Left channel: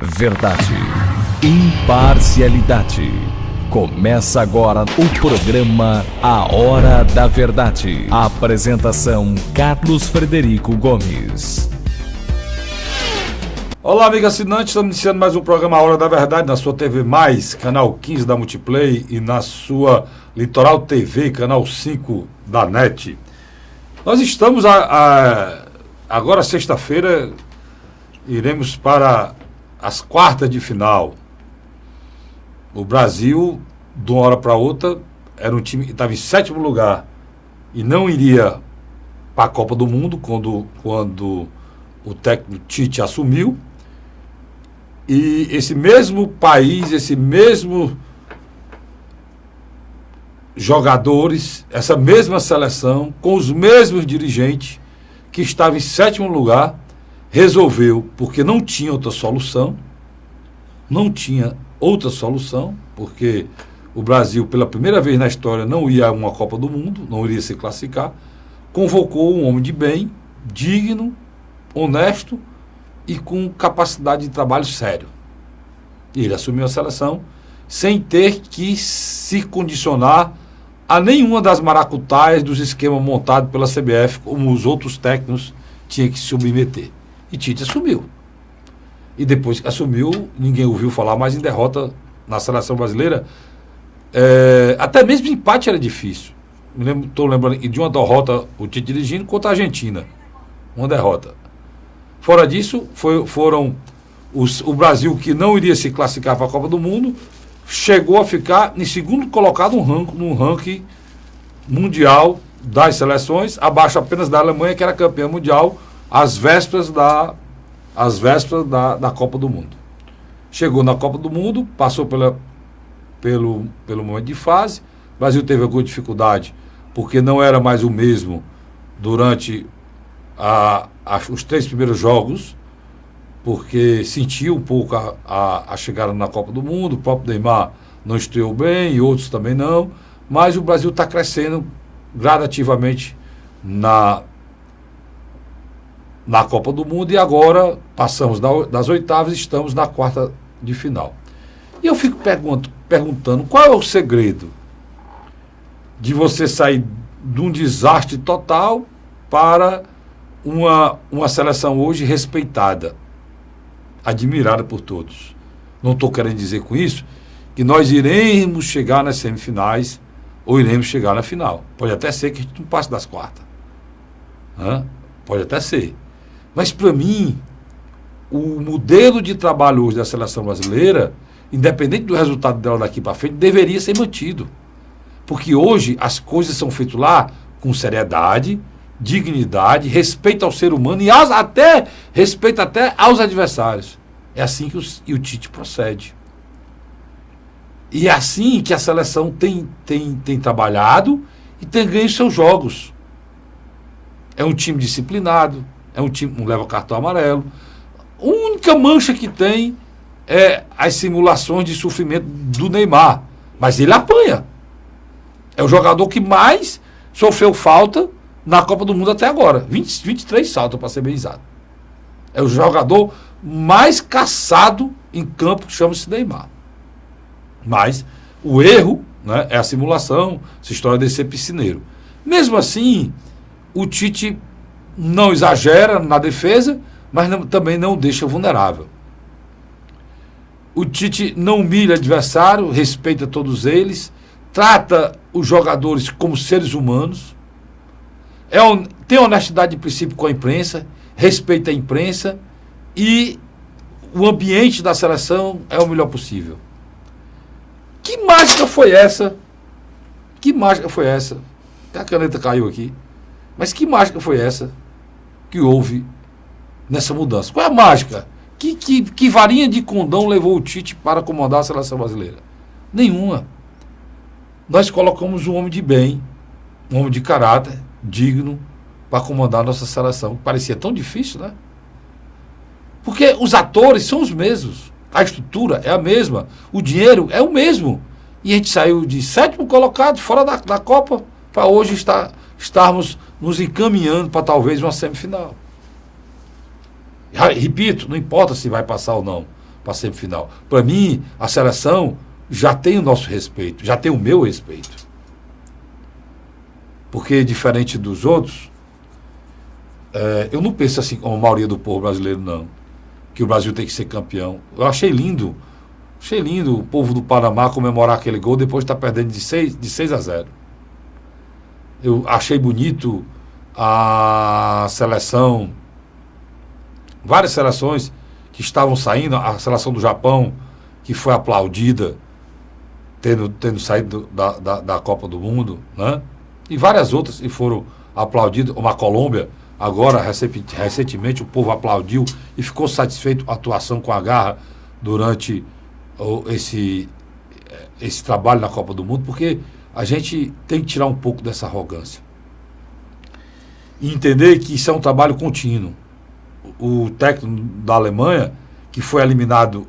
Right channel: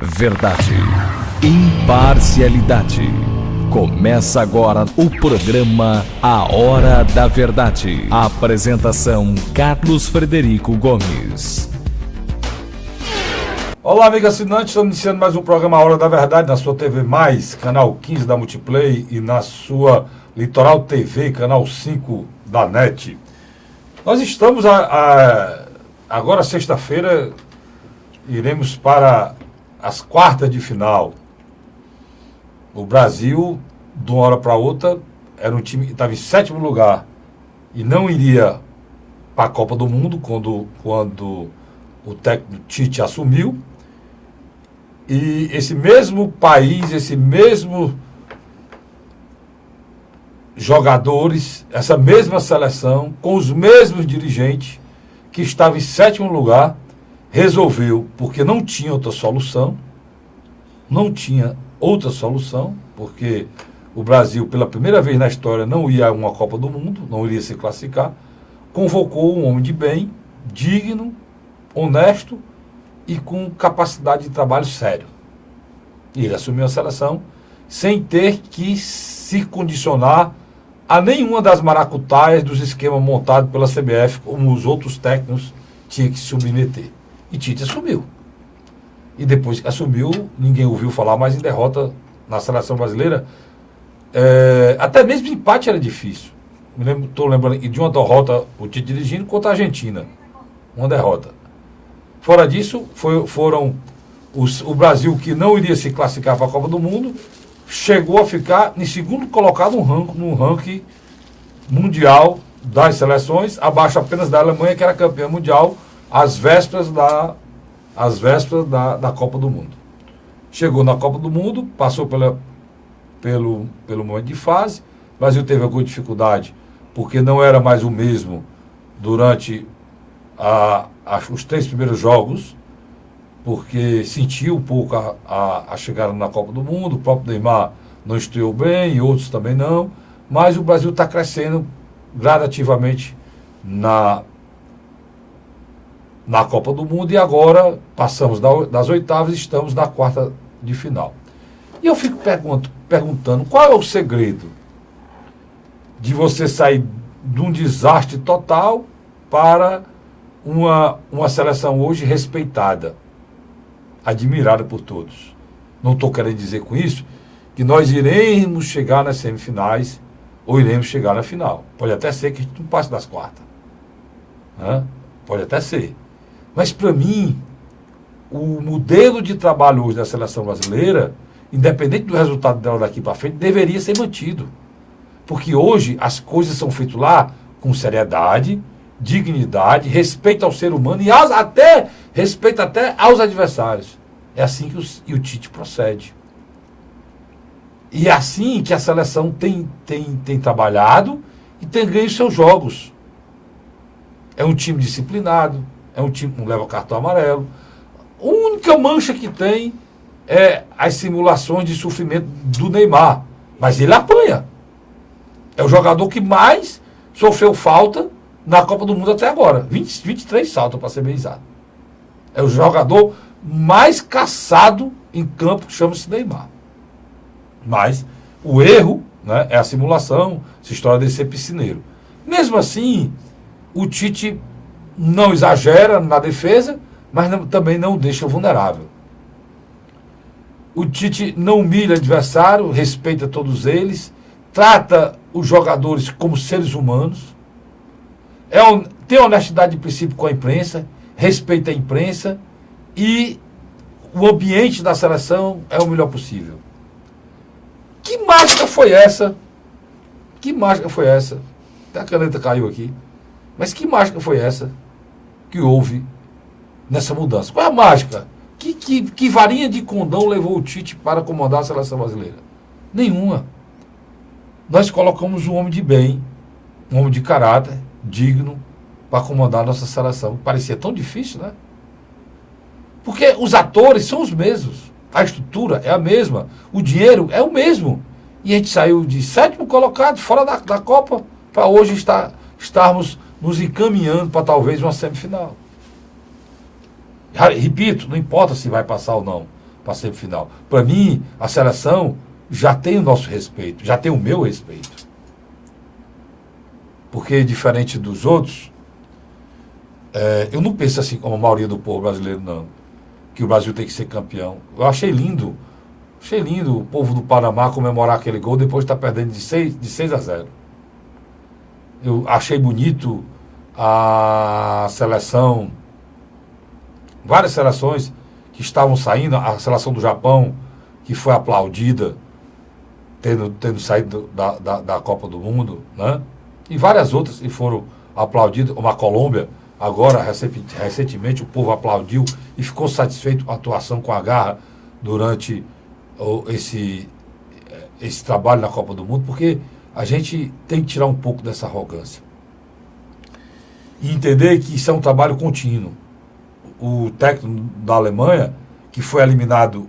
Verdade, imparcialidade. Começa agora o programa A Hora da Verdade. A apresentação Carlos Frederico Gomes. Olá, amigo assinante, estamos iniciando mais um programa A Hora da Verdade na sua TV Mais, canal 15 da Multiplay, e na sua Litoral TV, canal 5 da NET. Nós estamos agora sexta-feira, iremos para as quartas de final. O Brasil, de uma hora para outra, era um time que estava em sétimo lugar e não iria para a Copa do Mundo quando o técnico Tite assumiu. E esse mesmo país, esse mesmo jogadores, essa mesma seleção, com os mesmos dirigentes, que estava em sétimo lugar, resolveu, porque não tinha outra solução, porque o Brasil, pela primeira vez na história, não ia a uma Copa do Mundo, não iria se classificar, convocou um homem de bem, digno, honesto e com capacidade de trabalho sério. E ele assumiu a seleção sem ter que se condicionar a nenhuma das maracutaias dos esquemas montados pela CBF, como os outros técnicos tinham que se submeter. E Tite assumiu. E depois que assumiu, ninguém ouviu falar mais em derrota na seleção brasileira. Até mesmo empate era difícil. Estou lembrando de uma derrota, o Tite dirigindo, contra a Argentina. Uma derrota. Fora disso, foram o Brasil, que não iria se classificar para a Copa do Mundo, chegou a ficar em segundo colocado no ranking mundial das seleções, abaixo apenas da Alemanha, que era campeã mundial, às vésperas da Copa do Mundo. Chegou na Copa do Mundo, passou pelo momento de fase. O Brasil teve alguma dificuldade, porque não era mais o mesmo durante os 3 primeiros jogos, porque sentiu um pouco a chegada na Copa do Mundo. O próprio Neymar não estreou bem, e outros também não, mas o Brasil está crescendo gradativamente na Copa do Mundo, e agora passamos das oitavas e estamos na quarta de final. E eu fico perguntando, qual é o segredo de você sair de um desastre total para uma seleção hoje respeitada, admirada por todos? Não estou querendo dizer com isso que nós iremos chegar nas semifinais ou iremos chegar na final. Pode até ser que a gente não passe das quartas. Pode até ser. Mas, para mim, o modelo de trabalho hoje da seleção brasileira, independente do resultado dela daqui para frente, deveria ser mantido. Porque hoje as coisas são feitas lá com seriedade, dignidade, respeito ao ser humano e respeito até aos adversários. É assim que o Tite procede. E é assim que a seleção tem trabalhado e tem ganho seus jogos. É um time disciplinado, é um time que não leva cartão amarelo. A única mancha que tem é as simulações de sofrimento do Neymar. Mas ele apanha. É o jogador que mais sofreu falta na Copa do Mundo até agora. 23 saltos, para ser bem exato. É o jogador mais caçado em campo, que chama-se Neymar. Mas o erro, né, é a simulação, essa história de ser piscineiro. Mesmo assim, o Tite não exagera na defesa, mas também não deixa vulnerável. O Tite não humilha o adversário, respeita todos eles, trata os jogadores como seres humanos, tem honestidade de princípio com a imprensa, respeita a imprensa, e o ambiente da seleção é o melhor possível. Que mágica foi essa? Até a caneta caiu aqui. Mas que mágica foi essa que houve nessa mudança? Qual é a mágica? Que varinha de condão levou o Tite para comandar a seleção brasileira? Nenhuma. Nós colocamos um homem de bem, um homem de caráter, digno, para comandar a nossa seleção. Parecia tão difícil, né? Porque os atores são os mesmos. A estrutura é a mesma. O dinheiro é o mesmo. E a gente saiu de sétimo colocado, fora da Copa, para hoje estarmos nos encaminhando para talvez uma semifinal. Repito, não importa se vai passar ou não. para a semifinal. Para mim, a seleção já tem o nosso respeito, já tem o meu respeito. Porque, diferente dos outros, eu não penso assim como a maioria do povo brasileiro, não. Que o Brasil tem que ser campeão. Eu achei lindo o povo do Panamá comemorar aquele gol depois de estar perdendo de 6-0. Eu achei bonito a seleção, várias seleções que estavam saindo, a seleção do Japão, que foi aplaudida, tendo saído da Copa do Mundo, né? E várias outras que foram aplaudidas, uma Colômbia, agora, recentemente, o povo aplaudiu e ficou satisfeito com a atuação com a garra durante esse trabalho na Copa do Mundo, porque a gente tem que tirar um pouco dessa arrogância. E entender que isso é um trabalho contínuo. O técnico da Alemanha, que foi eliminado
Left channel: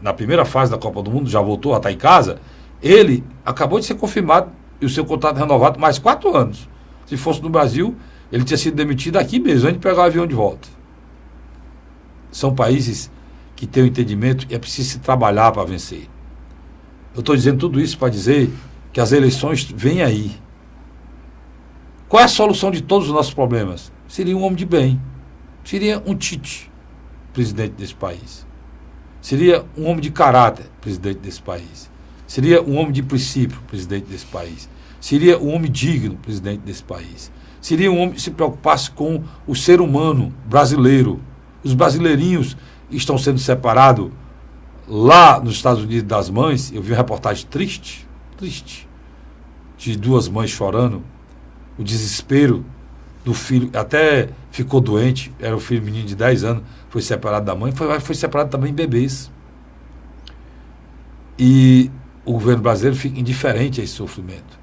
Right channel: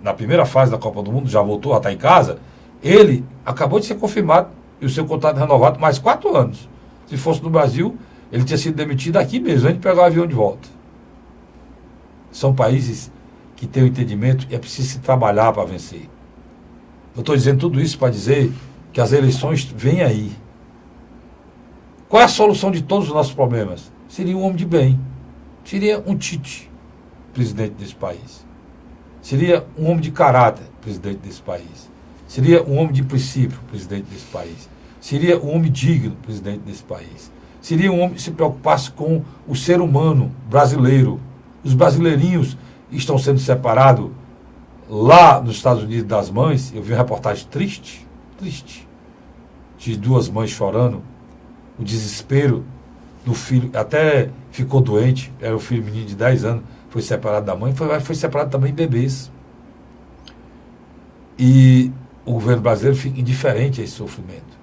na primeira fase da Copa do Mundo, já voltou a estar em casa, ele acabou de ser confirmado e o seu contrato renovado mais 4 anos. Se fosse no Brasil, ele tinha sido demitido aqui mesmo, antes de pegar o avião de volta. São países que têm o entendimento e é preciso se trabalhar para vencer. Eu estou dizendo tudo isso para dizer que as eleições vêm aí. Qual é a solução de todos os nossos problemas? Seria um homem de bem. Seria um Tite, presidente desse país. Seria um homem de caráter, presidente desse país. Seria um homem de princípio, presidente desse país. Seria um homem digno, presidente desse país. Seria um homem que se preocupasse com o ser humano brasileiro. Os brasileirinhos estão sendo separados lá nos Estados Unidos das mães. Eu vi uma reportagem triste, de 2 mães chorando, o desespero do filho, até ficou doente, era o filho menino de 10 anos, foi separado da mãe, foi separado também bebês. E o governo brasileiro fica indiferente a esse sofrimento.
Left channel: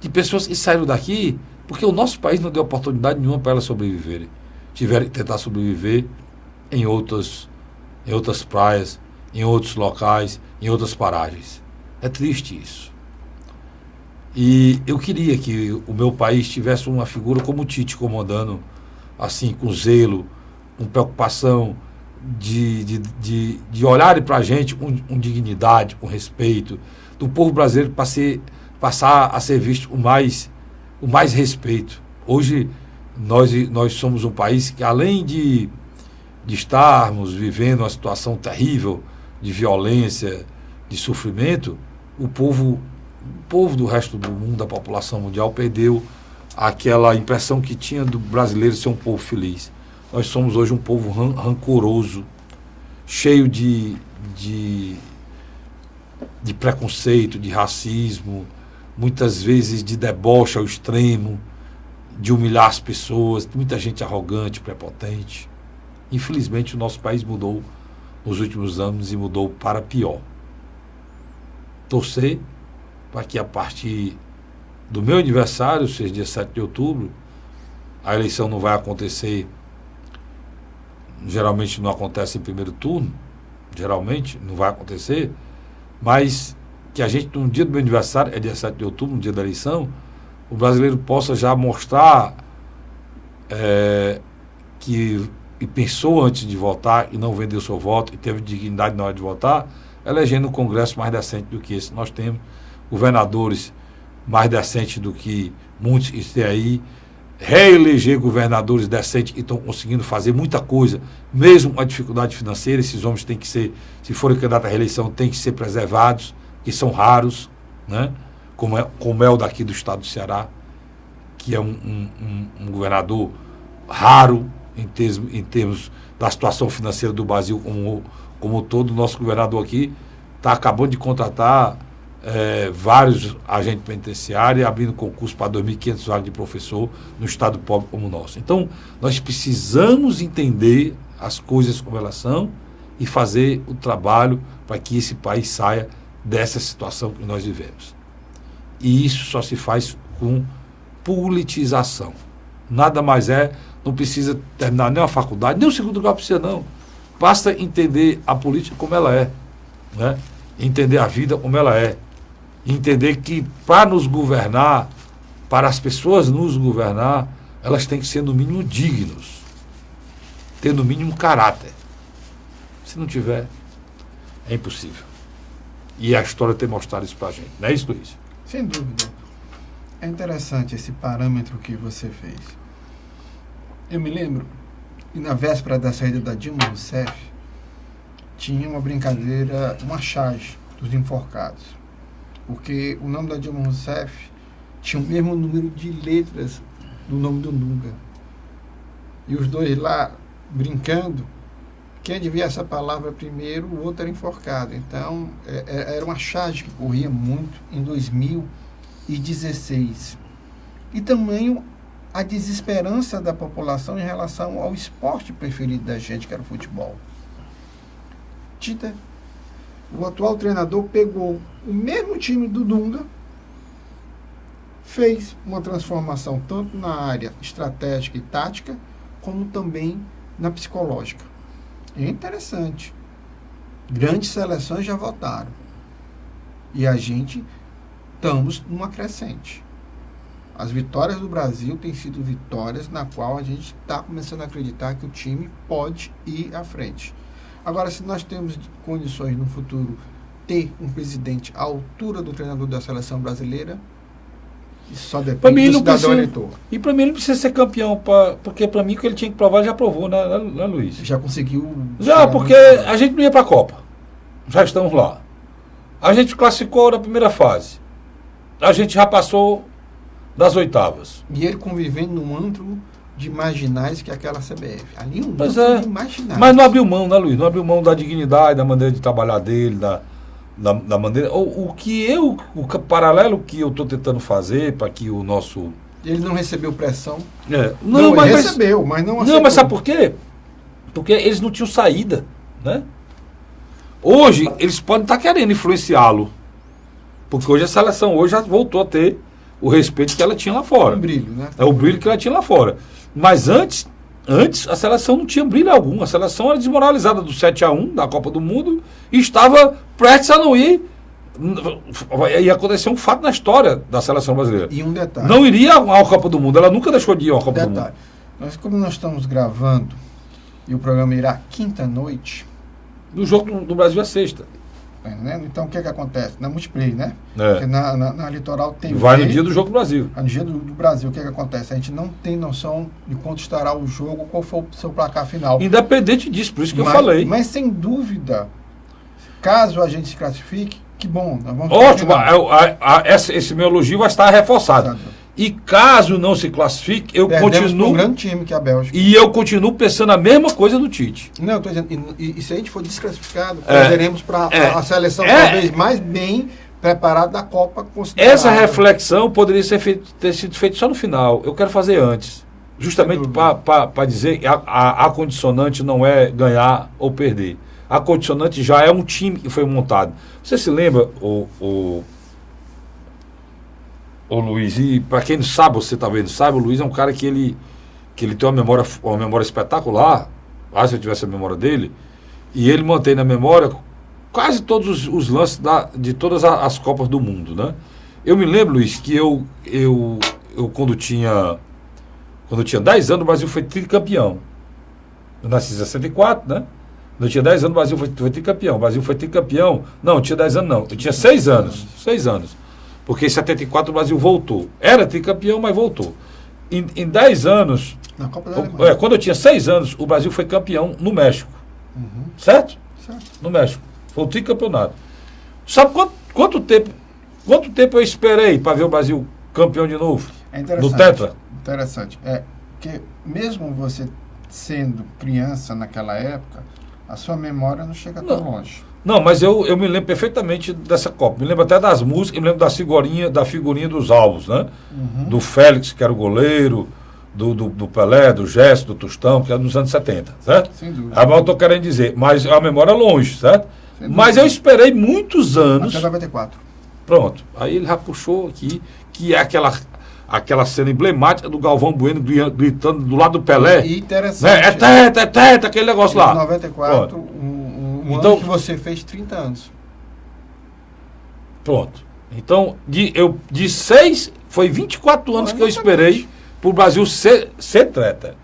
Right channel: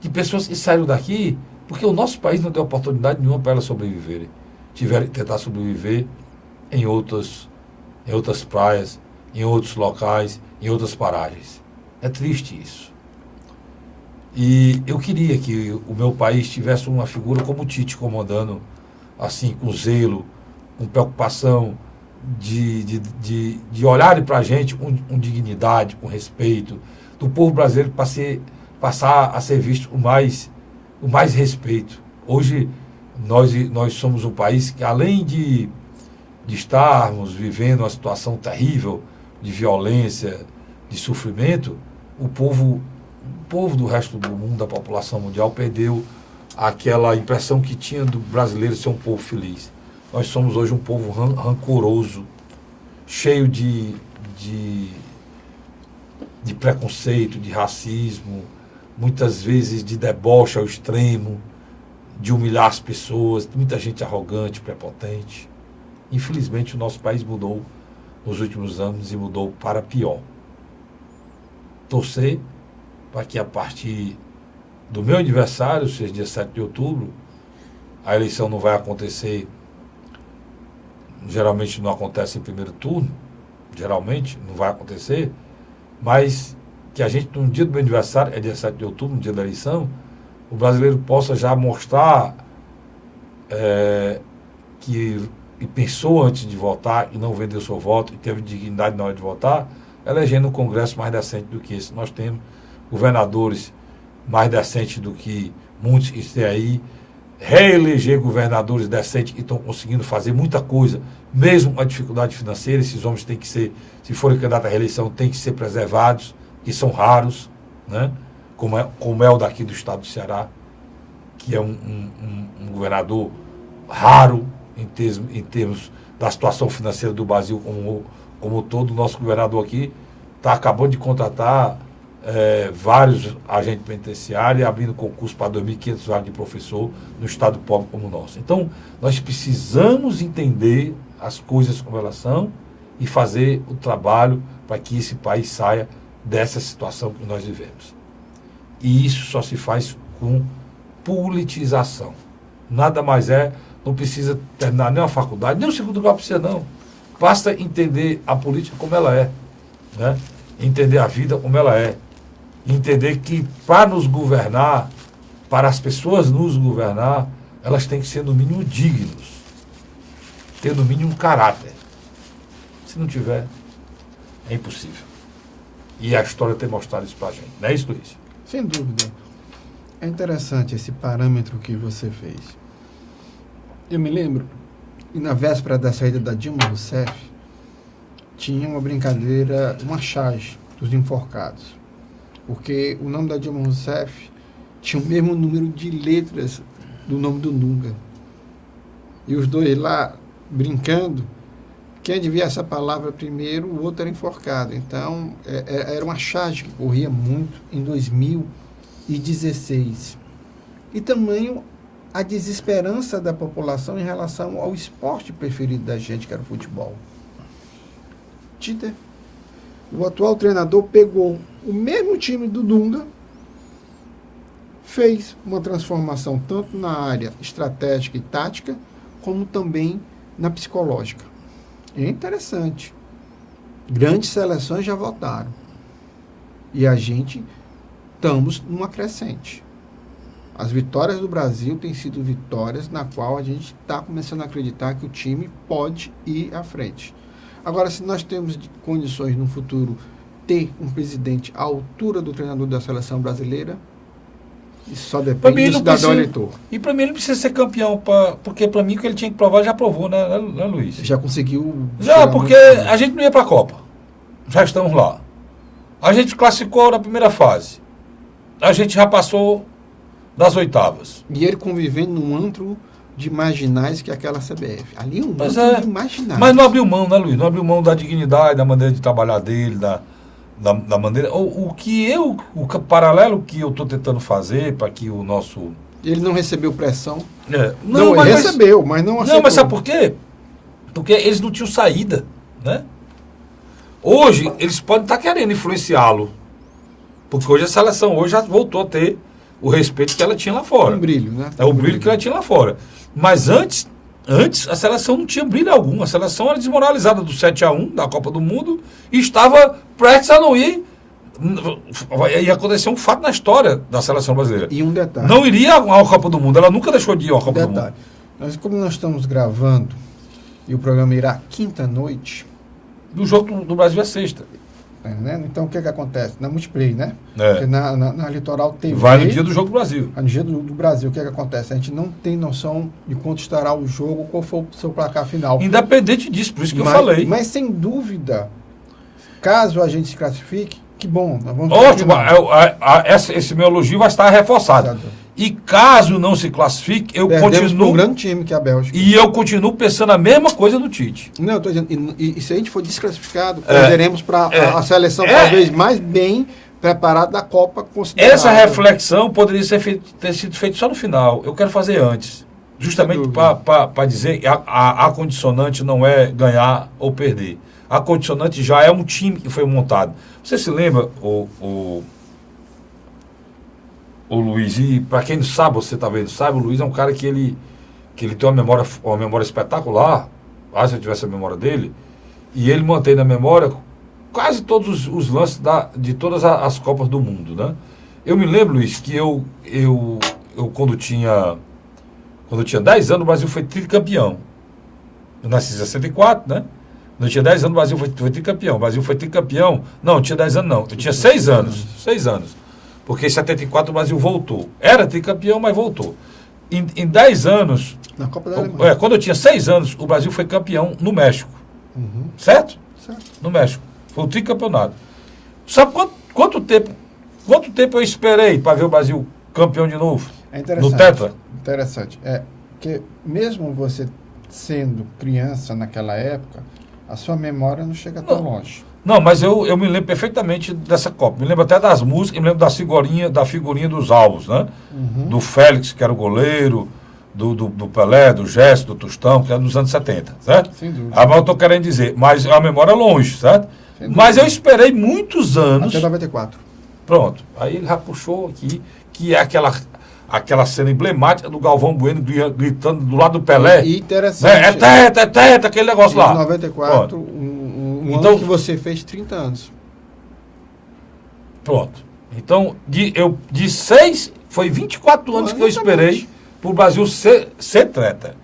De pessoas que saíram daqui porque o nosso país não deu oportunidade nenhuma para elas sobreviverem. Tiveram que tentar sobreviver em outras praias, em outros locais, em outras paragens. É triste isso. E eu queria que o meu país tivesse uma figura como o Tite, comandando assim, com zelo, com preocupação, de olharem para a gente com dignidade, com respeito, do povo brasileiro passar a ser visto com mais respeito. Hoje nós somos um país que, além de estarmos vivendo uma situação terrível de violência, de sofrimento, o povo do resto do mundo, da população mundial, perdeu aquela impressão que tinha do brasileiro ser um povo feliz. Nós somos hoje um povo rancoroso, cheio de preconceito, de racismo, muitas vezes de deboche ao extremo, de humilhar as pessoas, muita gente arrogante, prepotente. Infelizmente, o nosso país mudou nos últimos anos e mudou para pior. Torcer para que a partir do meu aniversário, seja dia 7 de outubro, a eleição não vai acontecer, geralmente não acontece em primeiro turno, geralmente não vai acontecer, mas que a gente, no dia do meu aniversário, é dia 7 de outubro, no dia da eleição, o brasileiro possa já mostrar que pensou antes de votar e não vendeu seu voto e teve dignidade na hora de votar, elegendo um Congresso mais decente do que esse. Nós temos governadores mais decentes do que muitos que têm aí, reeleger governadores decentes que estão conseguindo fazer muita coisa, mesmo com a dificuldade financeira. Esses homens têm que ser, se forem candidatos à reeleição, têm que ser preservados, que são raros, né? Como é o daqui do estado do Ceará, que é um governador raro em termos da situação financeira do Brasil como todo. O nosso governador aqui está acabando de contratar vários agentes penitenciários, abrindo concurso para 2.500 vagas de professor no estado pobre como o nosso. Então, nós precisamos entender as coisas como elas são e fazer o trabalho para que esse país saia dessa situação que nós vivemos. E isso só se faz com politização. Nada mais não precisa terminar nem a faculdade, nem o segundo grau precisa não. Basta entender a política como ela é, né? Entender a vida como ela é. Entender que para nos governar, para as pessoas nos governar, elas têm que ser no mínimo dignos, ter no mínimo caráter. Se não tiver, é impossível. E a história tem mostrado isso pra gente. Não é isso, Luiz? Sem dúvida. É interessante esse parâmetro que você fez. Eu me lembro, e na véspera da saída da Dilma Rousseff, tinha uma brincadeira, uma charge dos enforcados. Porque o nome da Dilma Rousseff tinha o mesmo número de letras do nome do Dunga. E os dois lá, brincando, quem adivinhasse essa palavra primeiro, o outro era enforcado. Então, era uma charge que corria muito em 2016. E também a desesperança da população em relação ao esporte preferido da gente, que era o futebol. Tite, o atual treinador, pegou o mesmo time do Dunga, fez uma transformação tanto na área estratégica e tática, como também na psicológica. É interessante. Grandes seleções já votaram. E a gente estamos numa crescente. As vitórias do Brasil têm sido vitórias na qual a gente está começando a acreditar que o time pode ir à frente. Agora, se nós temos condições no futuro ter um presidente à altura do treinador da seleção brasileira, isso só depende do cidadão eleitor. E para mim ele não precisa ser campeão, porque para mim o que ele tinha que provar já provou, né, Luiz? Já conseguiu. Já, porque a gente não ia para a Copa. Já estamos lá. A gente classificou na primeira fase. A gente já passou das oitavas. E ele convivendo num antro de marginais que é aquela CBF. Ali um Mas antro de marginais. Mas não abriu mão, né, Luiz? Não abriu mão da dignidade, da maneira de trabalhar dele, da maneira. O paralelo que eu estou tentando fazer para que o nosso. Ele não recebeu pressão. Não, mas recebeu, mas não aceitou. Não, mas sabe por quê? Porque eles não tinham saída, né? Hoje, eles podem estar querendo influenciá-lo. Porque hoje a seleção já voltou a ter o respeito que ela tinha lá fora. Um brilho, né? É o brilho que ela tinha lá fora. Mas antes a seleção não tinha brilho algum. A seleção era desmoralizada do 7-1 da Copa do Mundo e estava prestes a não ir. Ia acontecer um fato na história da seleção brasileira. E um detalhe. Não iria à Copa do Mundo. Ela nunca deixou de ir à Copa do Mundo. Como nós estamos gravando e o programa irá quinta-noite. No jogo do Brasil é sexta. Né? Então o que acontece? Na multiplayer, né? É. Porque na Litoral TV. Vai no dia do jogo do Brasil. No dia do Brasil, o que acontece? A gente não tem noção de quanto estará o jogo, qual for o seu placar final. Independente disso, por isso que eu falei. Mas sem dúvida, caso a gente se classifique, que bom. Nós vamos ótimo, esse meu elogio vai estar reforçado. Exato. E caso não se classifique, eu continuo. Um grande time que é a Bélgica. E eu continuo pensando a mesma coisa do Tite. Não, eu estou dizendo, e se a gente for desclassificado, perderemos para a seleção talvez mais bem preparada da Copa considerada. Essa reflexão poderia ter sido feita só no final. Eu quero fazer antes. Justamente para dizer que a condicionante não é ganhar ou perder. A condicionante já é um time que foi montado. Você se lembra, o Luiz, e para quem não sabe, você talvez não sabe, o Luiz é um cara que ele tem uma memória espetacular, se eu tivesse a memória dele, e ele mantém na memória quase todos os lances de todas as Copas do Mundo, né? Eu me lembro, Luiz, que eu quando tinha 10 anos, o Brasil foi tricampeão. Eu nasci em 64, né? Quando eu tinha 10 anos, o Brasil foi tricampeão. O Brasil foi tricampeão. Não, eu tinha 10 anos, não. Eu tinha 6 anos. 6 anos. Porque em 74 o Brasil voltou. Era tricampeão, mas voltou. Em 10 anos, na Copa da Alemanha. Quando eu tinha 6 anos, o Brasil foi campeão no México. Uhum. Certo? No México. Foi um tricampeonato. Sabe quanto tempo eu esperei para ver o Brasil campeão de novo? É interessante. No Tetra? Interessante. Porque mesmo você sendo criança naquela época, a sua memória não chega tão longe. Não, mas eu me lembro perfeitamente dessa Copa. Me lembro até das músicas, me lembro da figurinha dos álbuns, né? Uhum. Do Félix, que era o goleiro, do Pelé, do Gerson, do Tostão, que era dos anos 70, certo? Sem dúvida. Mas eu estou querendo dizer, mas a memória é longe, certo? Mas eu esperei muitos anos. Até 94. Pronto. Aí ele já puxou aqui, que é aquela cena emblemática do Galvão Bueno gritando do lado do Pelé. E interessante. É teta, aquele negócio lá. 94, então, ano que você fez 30 anos. Pronto. Então, de 6, foi 24 anos que eu esperei pro Brasil ser tetra.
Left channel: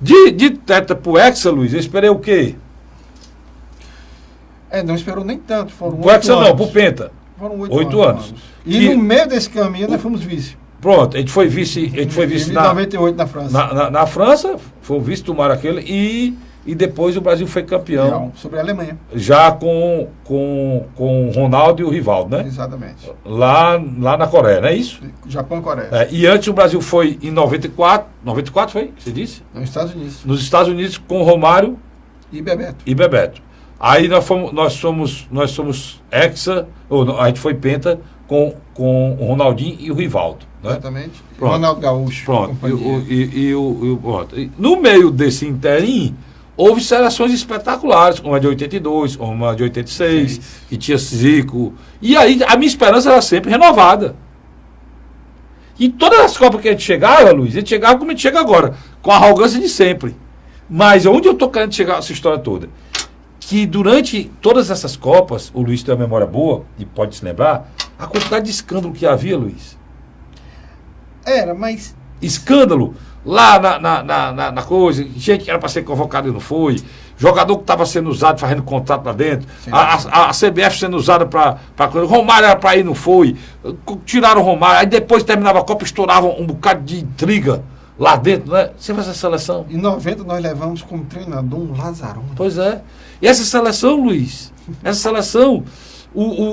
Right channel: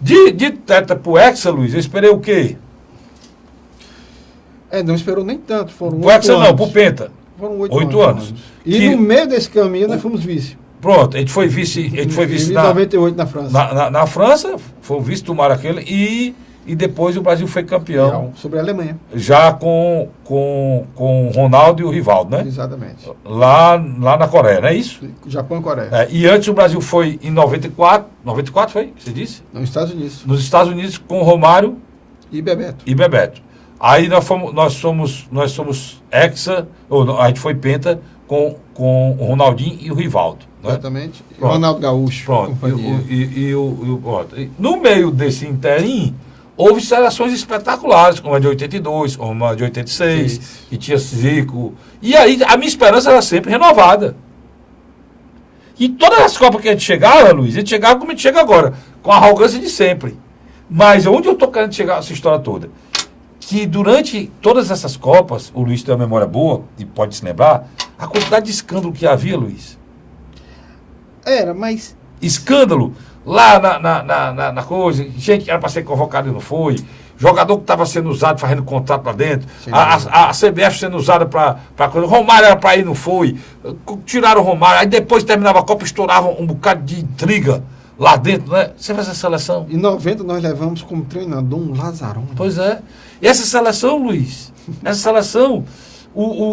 De tetra pro Hexa, Luiz, eu esperei o quê? Não esperou nem tanto, foram Pro Hexa não, pro Penta. Foram 8 anos. E no meio desse caminho nós fomos vice. Pronto, a gente foi vice Em 98 na França. Na França, foi o vice do Maracanã e depois o Brasil foi campeão. Sobre a Alemanha. Já com o Ronaldo e o Rivaldo, né? Exatamente. Lá na Coreia, não é isso? Japão e Coreia. E antes o Brasil foi em 94. 94 foi? Você disse? Nos Estados Unidos. Nos Estados Unidos com o Romário E Bebeto. e Bebeto. Aí nós somos hexa, a gente foi penta com o Ronaldinho e o Rivaldo. Né? Exatamente. Pronto. Ronaldo Gaúcho. Pronto. Pronto. No meio desse interim, houve seleções espetaculares, como a de 82, como a de 86, Sim. que tinha Zico. E aí a minha esperança era sempre renovada. E todas as Copas que a gente chegava, Luiz, a gente chegava como a gente chega agora, com a arrogância de sempre. Mas onde eu estou querendo chegar essa história toda? Que durante todas essas Copas, o Luiz tem uma memória boa, e pode se lembrar, a quantidade de escândalo que havia, Luiz. Era, mas... Escândalo lá na coisa, gente que era para ser convocado e não foi, jogador que estava sendo usado fazendo contrato lá dentro, a CBF sendo usada para coisa, Romário era para ir e não foi, tiraram o Romário, aí depois terminava a Copa, estouravam um bocado de intriga lá dentro, né? Você faz essa seleção. Em 90 nós levamos como treinador um Lazzaroni. Pois é. E essa seleção, Luiz, essa seleção,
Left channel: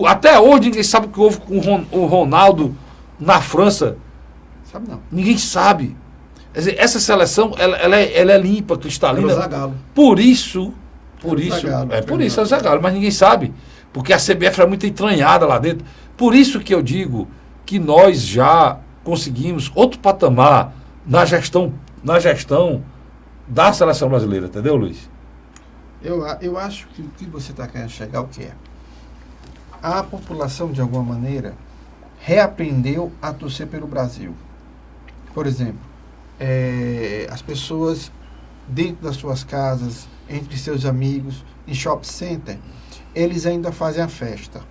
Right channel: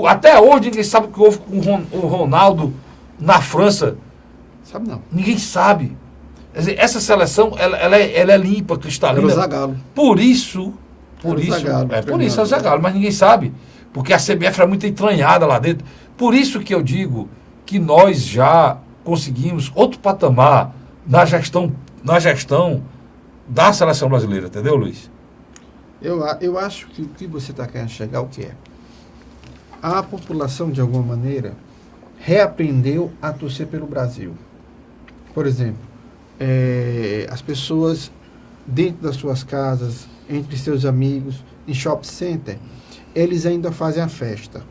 até hoje ninguém sabe o que houve com o Ronaldo na França. Sabe não. Ninguém sabe. Quer dizer, essa seleção, ela é limpa, cristalina. É o Zagallo. Por isso, É é o Zagallo, mas ninguém sabe. Porque a CBF era muito entranhada lá dentro. Por isso que eu digo que nós já conseguimos outro patamar na gestão da seleção brasileira, entendeu, Luiz? Eu acho que o que você está querendo chegar, o que é? A população, de alguma maneira, reaprendeu a torcer pelo Brasil. Por exemplo, as pessoas dentro das suas casas, entre seus amigos, em shopping center, eles ainda fazem a festa.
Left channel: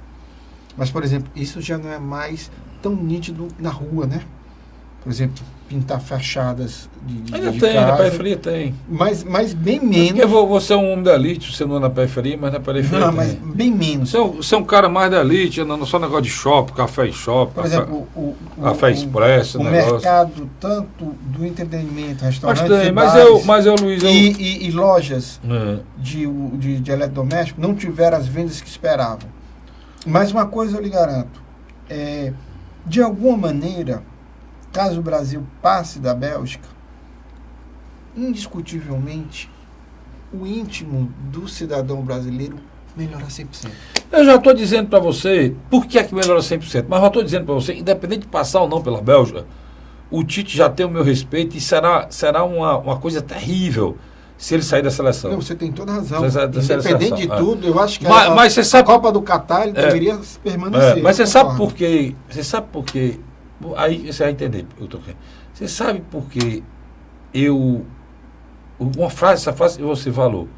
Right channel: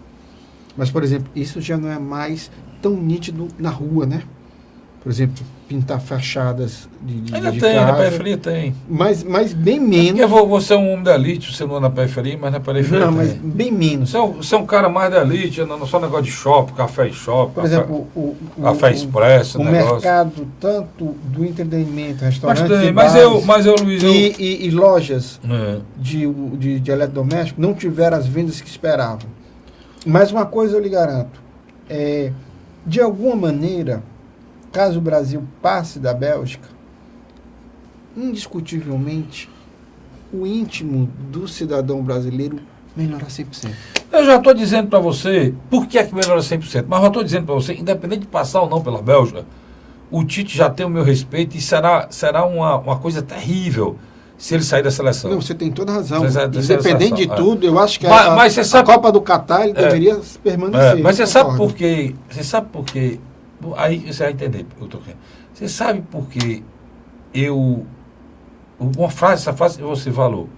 Mas, por exemplo, isso já não é mais tão nítido na rua, né? Por exemplo, pintar fachadas de Ainda de tem, casa, na periferia tem. mas bem menos. Porque você é um homem da elite, você não é na periferia, mas na periferia Não, mas tem. bem menos. Você é um cara mais da elite, não só negócio de shopping, café em shopping, Por exemplo, café expresso, o negócio. mercado, tanto do entretenimento, Mas restaurantes, tem, e mas bares, eu, Luiz, e lojas É. de eletrodoméstico não tiveram as vendas que esperavam. Mas uma coisa eu lhe garanto, de alguma maneira, caso o Brasil passe da Bélgica, indiscutivelmente, o íntimo do cidadão brasileiro melhora 100%. Eu já estou dizendo para você, por que é que melhora 100%? Mas já estou dizendo para você, independente de passar ou não pela Bélgica, o Tite já tem o meu respeito e será uma coisa terrível se ele sair da seleção. Não, você tem toda a razão. Você sai da Independente seleção, de tudo, eu acho que Mas você a sabe- Copa do Catar ele deveria permanecer. Mas você eu sabe concordo. por quê? Você sabe por quê? Aí você vai entender. Você sabe por que essa frase que você falou.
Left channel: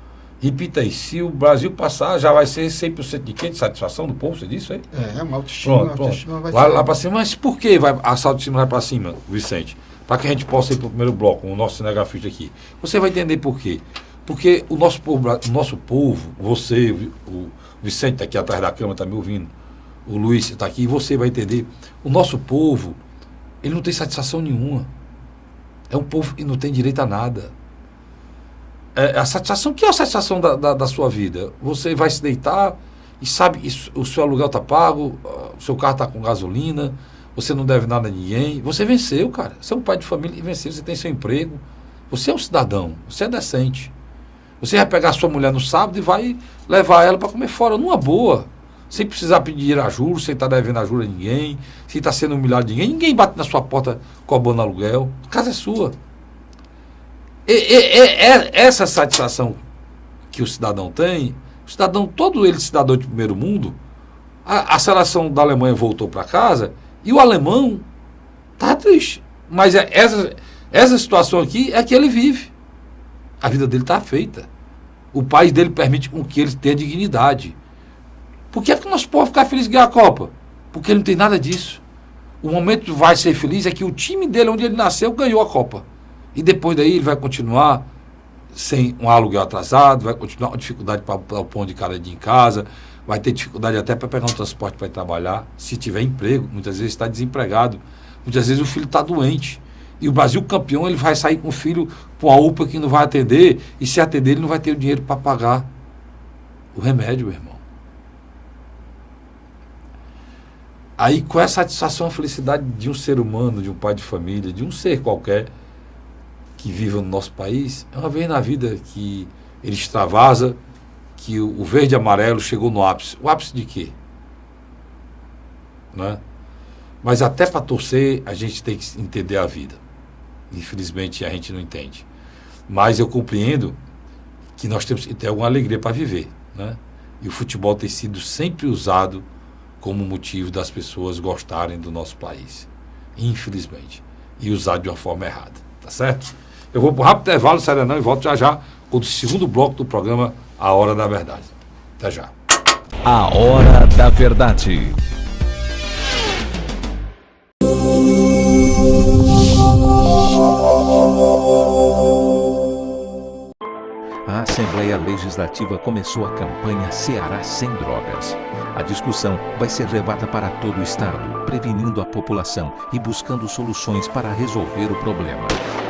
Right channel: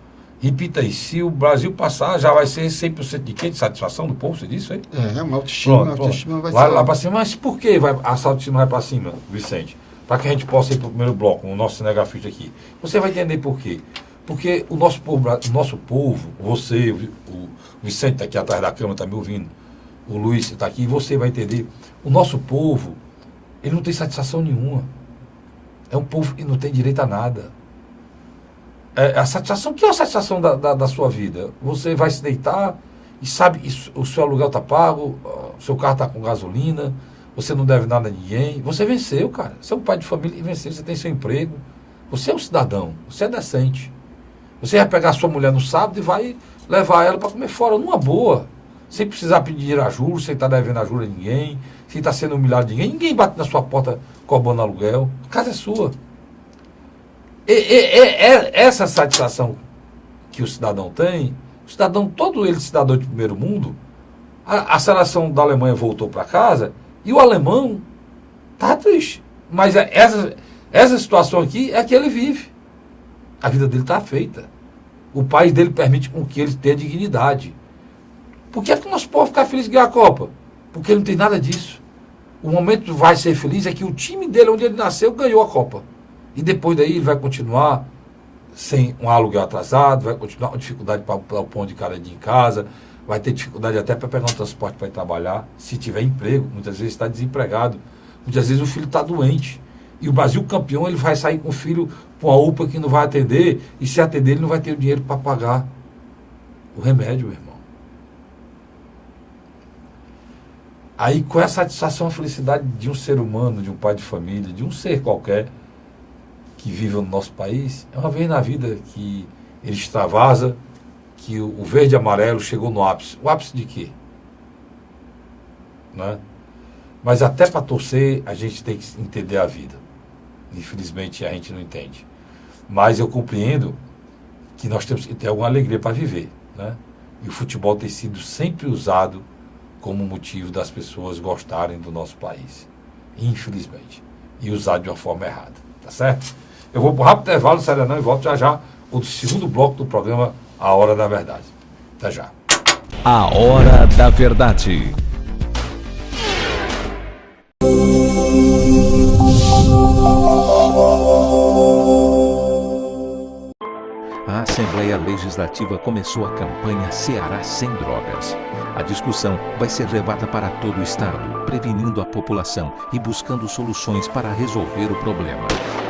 Repita aí, se o Brasil passar, já vai ser 100% de quê? De satisfação do povo, você disse aí? Uma autoestima, Pronto. a autoestima vai Vai ser... lá para cima. Mas por que a autoestima vai para cima, Vicente? Para que a gente possa ir para o primeiro bloco, o nosso cinegrafista aqui. Você vai entender por quê. Porque o nosso povo, você, o Vicente está aqui atrás da câmera, está me ouvindo, o Luiz está aqui, e você vai entender. O nosso povo, ele não tem satisfação nenhuma. É um povo que não tem direito a nada. A satisfação, o que é a satisfação da sua vida? Você vai se deitar e sabe que o seu aluguel está pago, o seu carro está com gasolina, você não deve nada a ninguém. Você venceu, cara. Você é um pai de família e venceu, você tem seu emprego. Você é um cidadão, você é decente. Você vai pegar a sua mulher no sábado e vai levar ela para comer fora, numa boa. Sem precisar pedir dinheiro a juros, sem estar devendo a juros a ninguém, sem estar sendo humilhado de ninguém. Ninguém bate na sua porta cobrando aluguel. A casa é sua. Essa satisfação que o cidadão tem, o cidadão, todo ele cidadão de primeiro mundo, a seleção da Alemanha voltou para casa e o alemão está triste. Mas essa situação aqui é que ele vive. A vida dele está feita. O país dele permite com que ele tenha dignidade. Por que é que o nosso povo ficar feliz de ganhar a Copa? Porque ele não tem nada disso. O momento que vai ser feliz é que o time dele, onde ele nasceu, ganhou a Copa. E depois daí ele vai continuar sem um aluguel atrasado, vai continuar com dificuldade para o pão de cada dia em casa, vai ter dificuldade até para pegar um transporte para ir trabalhar, se tiver emprego, muitas vezes está desempregado, muitas vezes o filho está doente. E o Brasil campeão, ele vai sair com o filho para uma UPA que não vai atender, e se atender ele não vai ter o dinheiro para pagar o remédio, meu irmão. Aí qual é a satisfação, a felicidade de um ser humano, de um pai de família, de um ser qualquer que viva no nosso país? É uma vez na vida que ele extravasa, que o verde e amarelo chegou no ápice. O ápice de quê? Né? Mas até para torcer, a gente tem que entender a vida. Infelizmente, a gente não entende. Mas eu compreendo que nós temos que ter alguma alegria para viver. Né? E o futebol tem sido sempre usado como motivo das pessoas gostarem do nosso país. Infelizmente. E usado de uma forma errada. Tá certo? Eu vou para o rápido intervalo, Serenão, e volto já já o segundo bloco do programa A Hora da Verdade. Até já. A Hora da Verdade. A Assembleia Legislativa começou a campanha Ceará Sem Drogas. A discussão vai ser levada para todo o estado, prevenindo a população e buscando soluções para resolver o problema.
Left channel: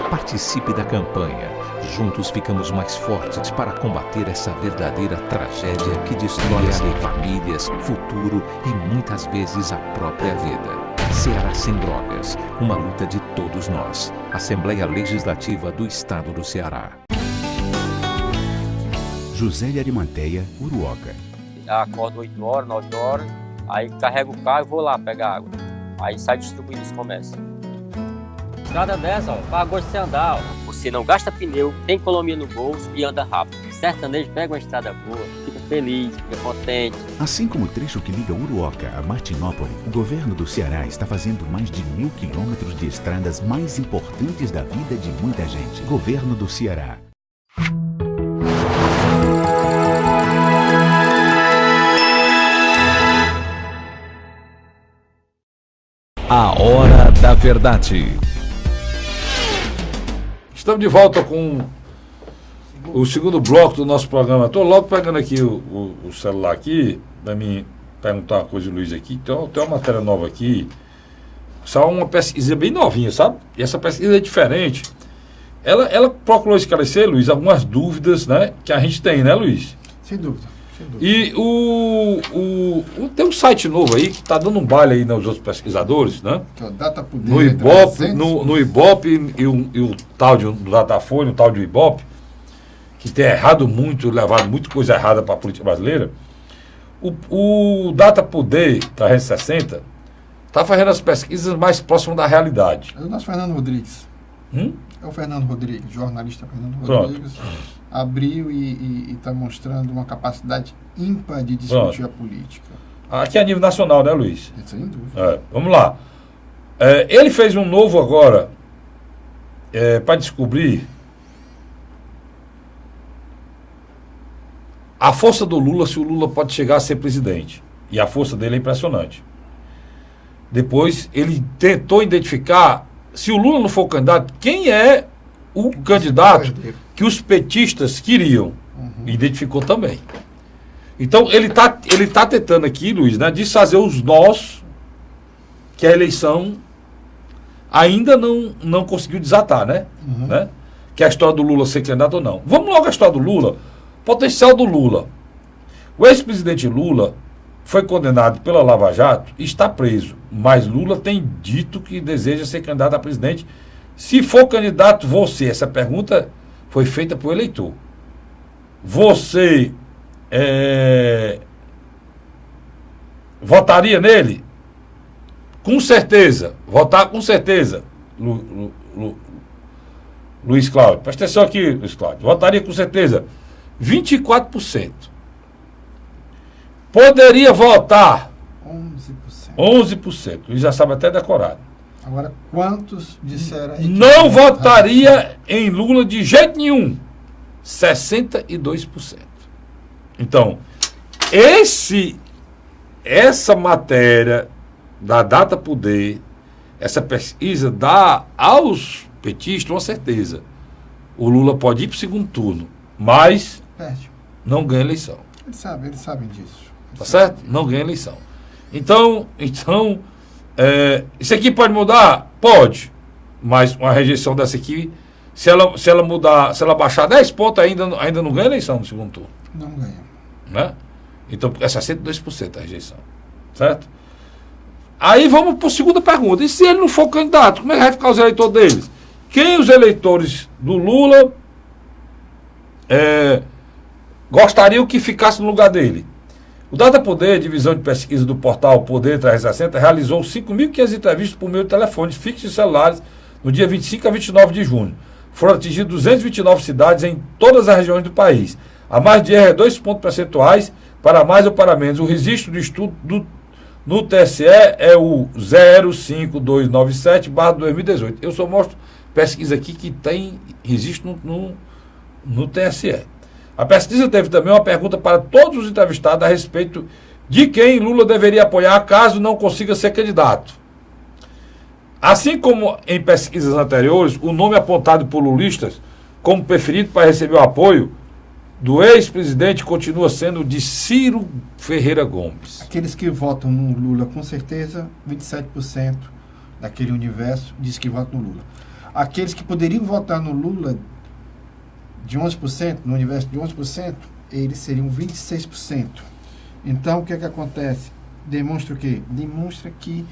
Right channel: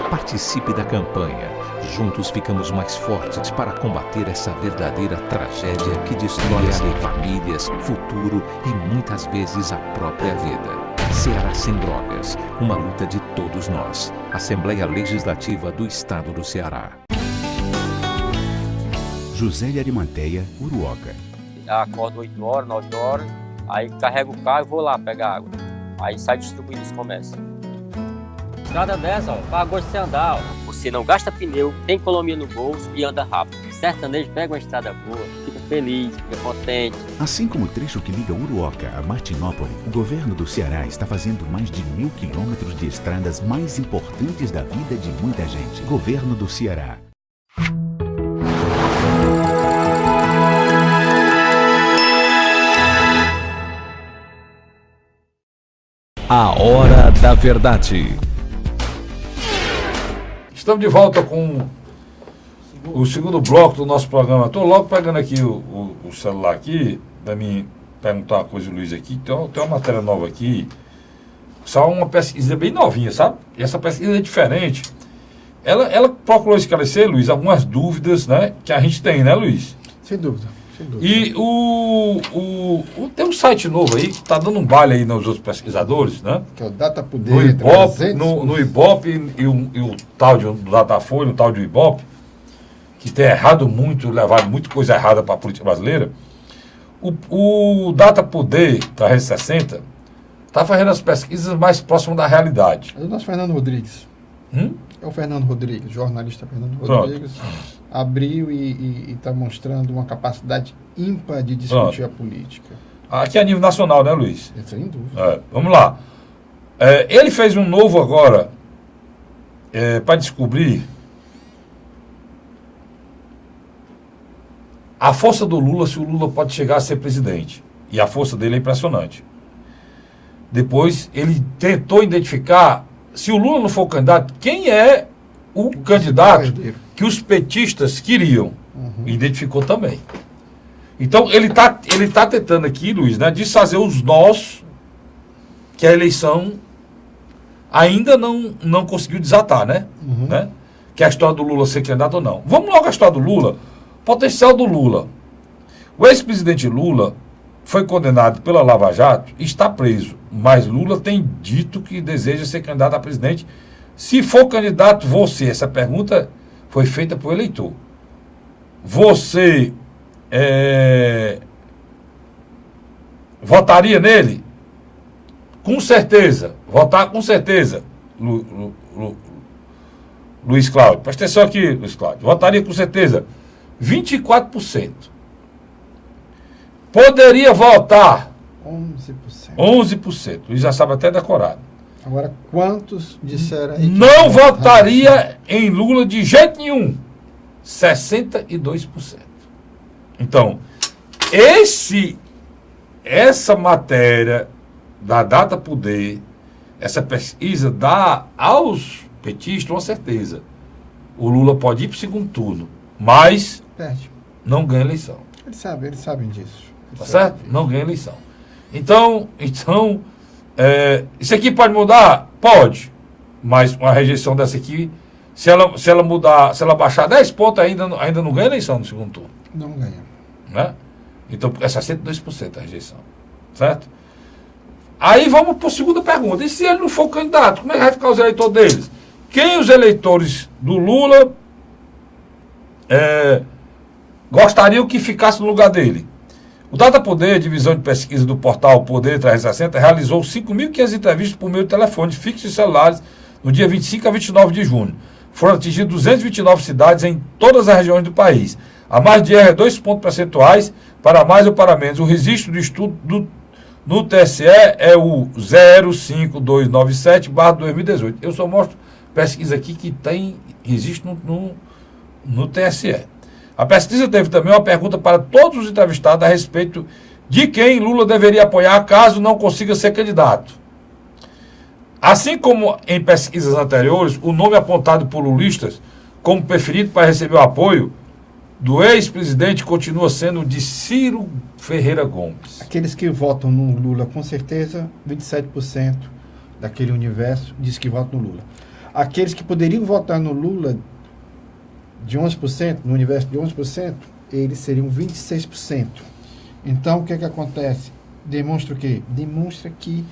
Participe da campanha. Juntos ficamos mais fortes para combater essa verdadeira tragédia que destrói famílias, futuro e muitas vezes a própria vida. Ceará Sem Drogas, uma luta de todos nós. Assembleia Legislativa do Estado do Ceará. José de Arimanteia, Uruoca. Acordo 8 horas, 9 horas, aí carrego o carro e vou lá pegar água. Aí sai distribuindo os comércios. Estrada dessa, ó, faz gosto de você andar, ó. Você não gasta pneu, tem economia no bolso e anda rápido. Sertanejo pega uma estrada boa, fica feliz, fica contente. Assim como o trecho que liga Uruoca a Martinópole, o governo do Ceará está fazendo mais de 1.000 quilômetros de estradas mais importantes da vida de muita gente. Governo do Ceará. A Hora da Verdade. Estamos de volta com o segundo bloco do nosso programa. Estou logo pegando aqui o celular aqui, para mim perguntar uma coisa, Luiz, aqui. Tem uma matéria nova aqui. Só uma pesquisa bem novinha, sabe? E essa pesquisa é diferente. Ela procurou esclarecer, Luiz, algumas dúvidas, né, que a gente tem, né, Luiz? Sem dúvida. E tem um site novo aí que está dando um baile aí nos outros pesquisadores, né? Que é o Data Poder, No Ibope, 300. no Ibope e o tal do Datafolha, o tal do Ibope, que tem errado muito, levado muita coisa errada para a política brasileira. O Data Poder 360 está fazendo as pesquisas mais próximas da realidade. É o nosso Fernando Rodrigues. É o Fernando Rodrigues, jornalista Fernando Rodrigues. Abriu e está mostrando uma capacidade ímpar de discutir a política. Aqui a nível nacional, né, Luiz? Sem dúvida. Vamos lá. Ele fez um novo agora para descobrir a força do Lula, se o Lula pode chegar a ser presidente. E a força dele é impressionante. Depois ele tentou identificar, se o Lula não for o candidato, quem é o candidato que os petistas queriam. Identificou também. Então, ele tá tentando aqui, Luiz, né, desfazer os nós que a eleição ainda não conseguiu desatar, né? Né? Que é a história do Lula ser candidato ou não. Vamos logo à história do Lula. Potencial do Lula. O ex-presidente Lula foi condenado pela Lava Jato e está preso. Mas Lula tem dito que deseja ser candidato a presidente. Se for candidato, você, essa pergunta foi feita por eleitor. Você votaria nele? Com certeza. Votar com certeza. Luiz Cláudio. Presta atenção aqui, Luiz Cláudio. Votaria com certeza. 24%. Poderia votar 11%. Luiz já sabe até decorado. Agora, quantos disseram aí? Não votaria em Lula de jeito nenhum. 62%. Então, essa matéria da Data Poder, essa pesquisa dá aos petistas uma certeza. o Lula pode ir para o segundo turno, mas Perde. não ganha eleição. Eles sabem disso. Tá certo? Não ganha eleição. Então isso aqui pode mudar? Pode. Mas uma rejeição dessa aqui, se ela mudar, se ela baixar 10 pontos, ainda não ganha eleição no segundo turno. Não ganha. Né? Então, é 62% a rejeição. Certo? Aí vamos para a segunda pergunta. E se ele não for candidato, como é que vai ficar os eleitores deles? Quem os eleitores do Lula gostariam que ficasse no lugar dele? O Datapoder, divisão de pesquisa do portal Poder 360, realizou 5.500 entrevistas por meio de telefones fixos e celulares no dia 25 a 29 de junho. Foram atingidas 229 cidades em todas as regiões do país. A margem de erro é 2 pontos percentuais para mais ou para menos. O registro do estudo no TSE é o 05297/2018. Eu só mostro pesquisa aqui que tem registro no TSE. A pesquisa teve também uma pergunta para todos os entrevistados a respeito de quem Lula deveria apoiar caso não consiga ser candidato. Assim como em pesquisas anteriores, o nome apontado por lulistas como preferido para receber o apoio do ex-presidente continua sendo o de Ciro Ferreira Gomes. Aqueles que votam no Lula, com certeza, 27% daquele universo diz que votam no Lula. Aqueles que poderiam votar no Lula de 11%, no universo de 11%, eles seriam 26%. Então, o que é que acontece? Demonstra o quê? Demonstra que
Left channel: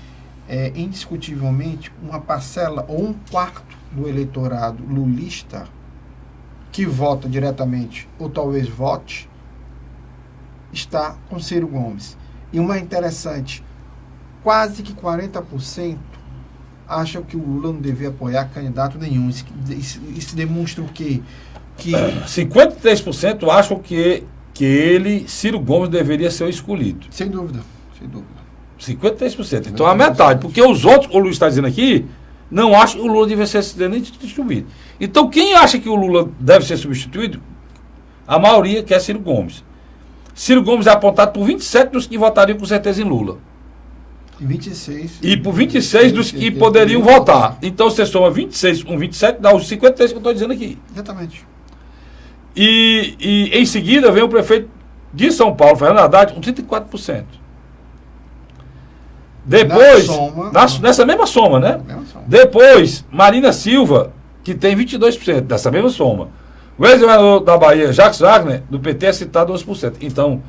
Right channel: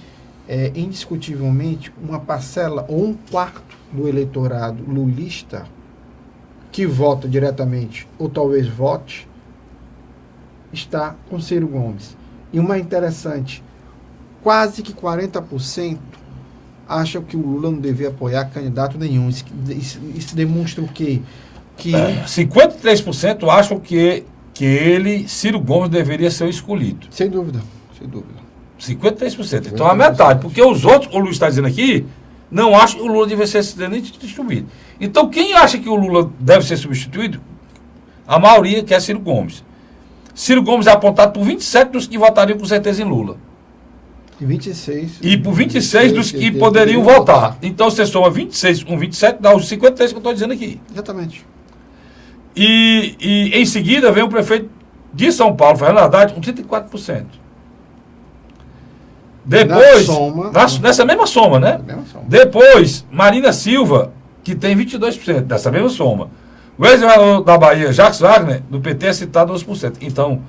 indiscutivelmente uma parcela ou um quarto do eleitorado lulista que vota diretamente ou talvez vote está com Ciro Gomes. E uma interessante, quase que 40% acham que o Lula não devia apoiar candidato nenhum. Isso demonstra o quê? Que 53% acham que Ciro Gomes, deveria ser o escolhido. Sem dúvida, sem dúvida. 53%. Então a metade, porque os outros, o Lula está dizendo aqui, não acham que o Lula deve ser substituído. Então quem acha que o Lula deve ser substituído, a maioria quer Ciro Gomes. Ciro Gomes é apontado por 27 dos que votariam com certeza em Lula. E 26. E por 26 dos que poderiam votar. Então você soma 26 com 27, dá os 53 que eu estou dizendo aqui. Exatamente. E em seguida vem o prefeito de São Paulo, Fernando Haddad, com 34%. Depois, nessa mesma soma, né? Depois, Marina Silva, que tem 22%, dessa mesma soma. O ex-governador da Bahia, Jacques Wagner, do PT, é citado 11%. Então,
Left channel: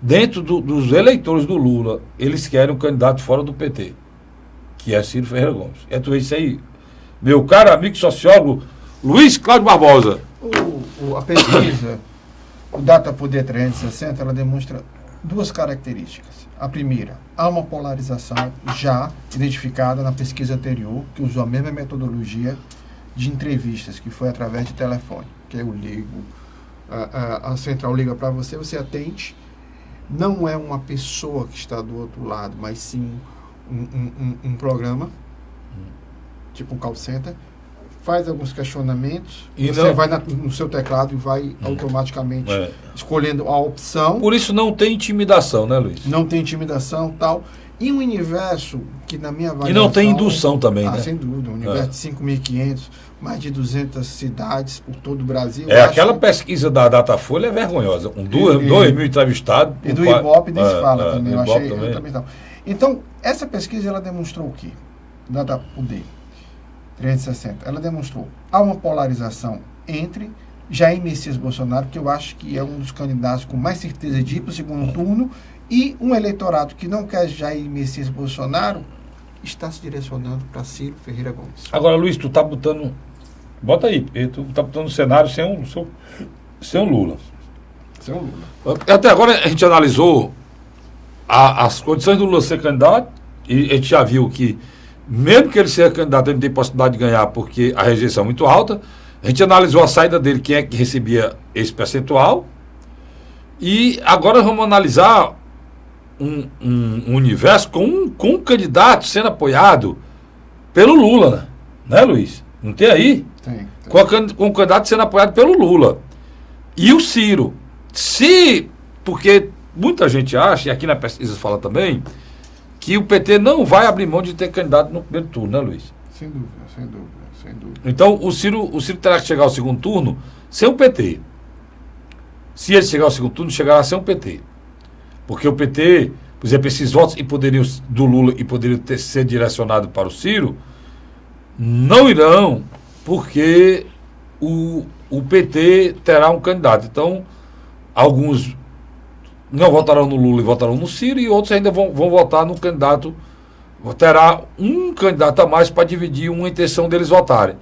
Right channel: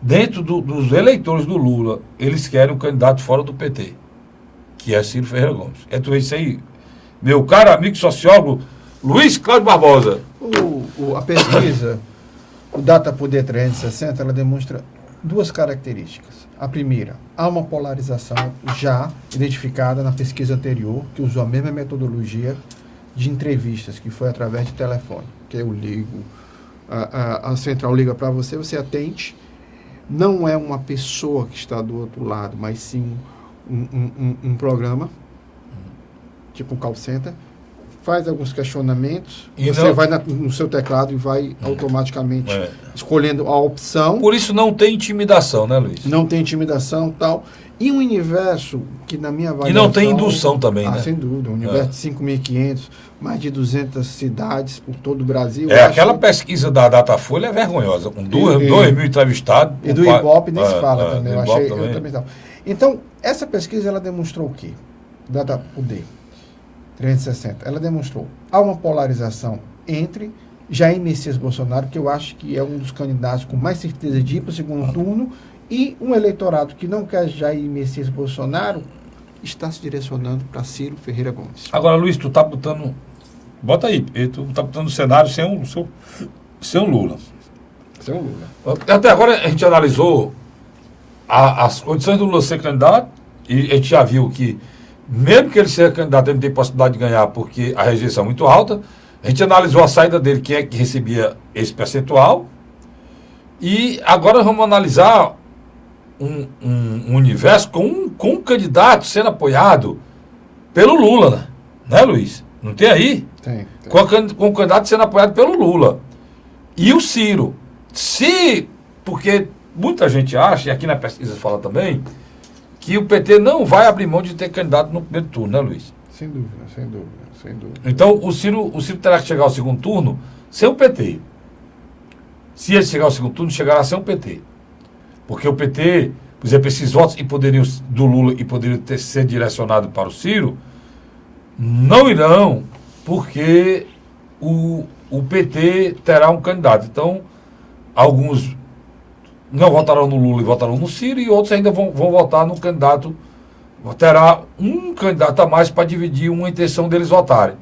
dentro dos eleitores do Lula, eles querem um candidato fora do PT, que é Ciro Ferreira Gomes. É tudo isso aí. Meu caro amigo sociólogo, Luiz Cláudio Barbosa. A pesquisa, o Datapoder 360, ela demonstra duas características. A primeira, há uma polarização já identificada na pesquisa anterior, que usou a mesma metodologia de entrevistas, que foi através de telefone, que eu ligo, a central liga para você, você atende, não é uma pessoa que está do outro lado, mas sim um programa, tipo um call center, faz alguns questionamentos, e você vai no seu teclado e vai automaticamente escolhendo a opção. Por isso não tem intimidação, né, Luiz? Não tem intimidação e tal. E um universo que, na minha avaliação... E não tem indução também, né? Sem dúvida. Um universo de 5.500, mais de 200 cidades por todo o Brasil. Aquela pesquisa da Datafolha é vergonhosa. Com 2.000 entrevistados. E do Ibope nem se fala também. Eu achei também. Então, essa pesquisa, ela demonstrou o quê? Datapoder 360. Ela demonstrou há uma polarização entre Jair Messias Bolsonaro, que eu acho que é um dos candidatos com mais certeza de ir para o segundo turno, e um eleitorado que não quer Jair Messias Bolsonaro está se direcionando para Ciro Ferreira Gomes. Agora, Luiz, tu tá botando... Bota aí, tu tá botando o cenário sem o Lula. Sem o Lula. Até agora a gente analisou as condições do Lula ser candidato, e a gente já viu que mesmo que ele seja candidato, ele tem possibilidade de ganhar porque a rejeição é muito alta. A gente analisou a saída dele, quem é que recebia esse percentual. E agora vamos analisar um universo com um candidato sendo apoiado pelo Lula, né, Luiz? Não tem aí? Tem. Com um candidato sendo apoiado pelo Lula. E o Ciro. Porque muita gente acha, e aqui na pesquisa fala também, que o PT não vai abrir mão de ter candidato no primeiro turno, né, Luiz? Sem dúvida, sem dúvida. Sem dúvida. Então, o Ciro terá que chegar ao segundo turno sem o PT. Se ele chegar ao segundo turno, chegará sem o PT. Porque o PT, por exemplo, esses votos do Lula e poderiam ser direcionados para o Ciro, não irão, porque o PT terá um candidato. Então, alguns não votarão no Lula e votarão no Ciro, e outros ainda vão votar no candidato. Terá um candidato a mais para dividir uma intenção deles votarem.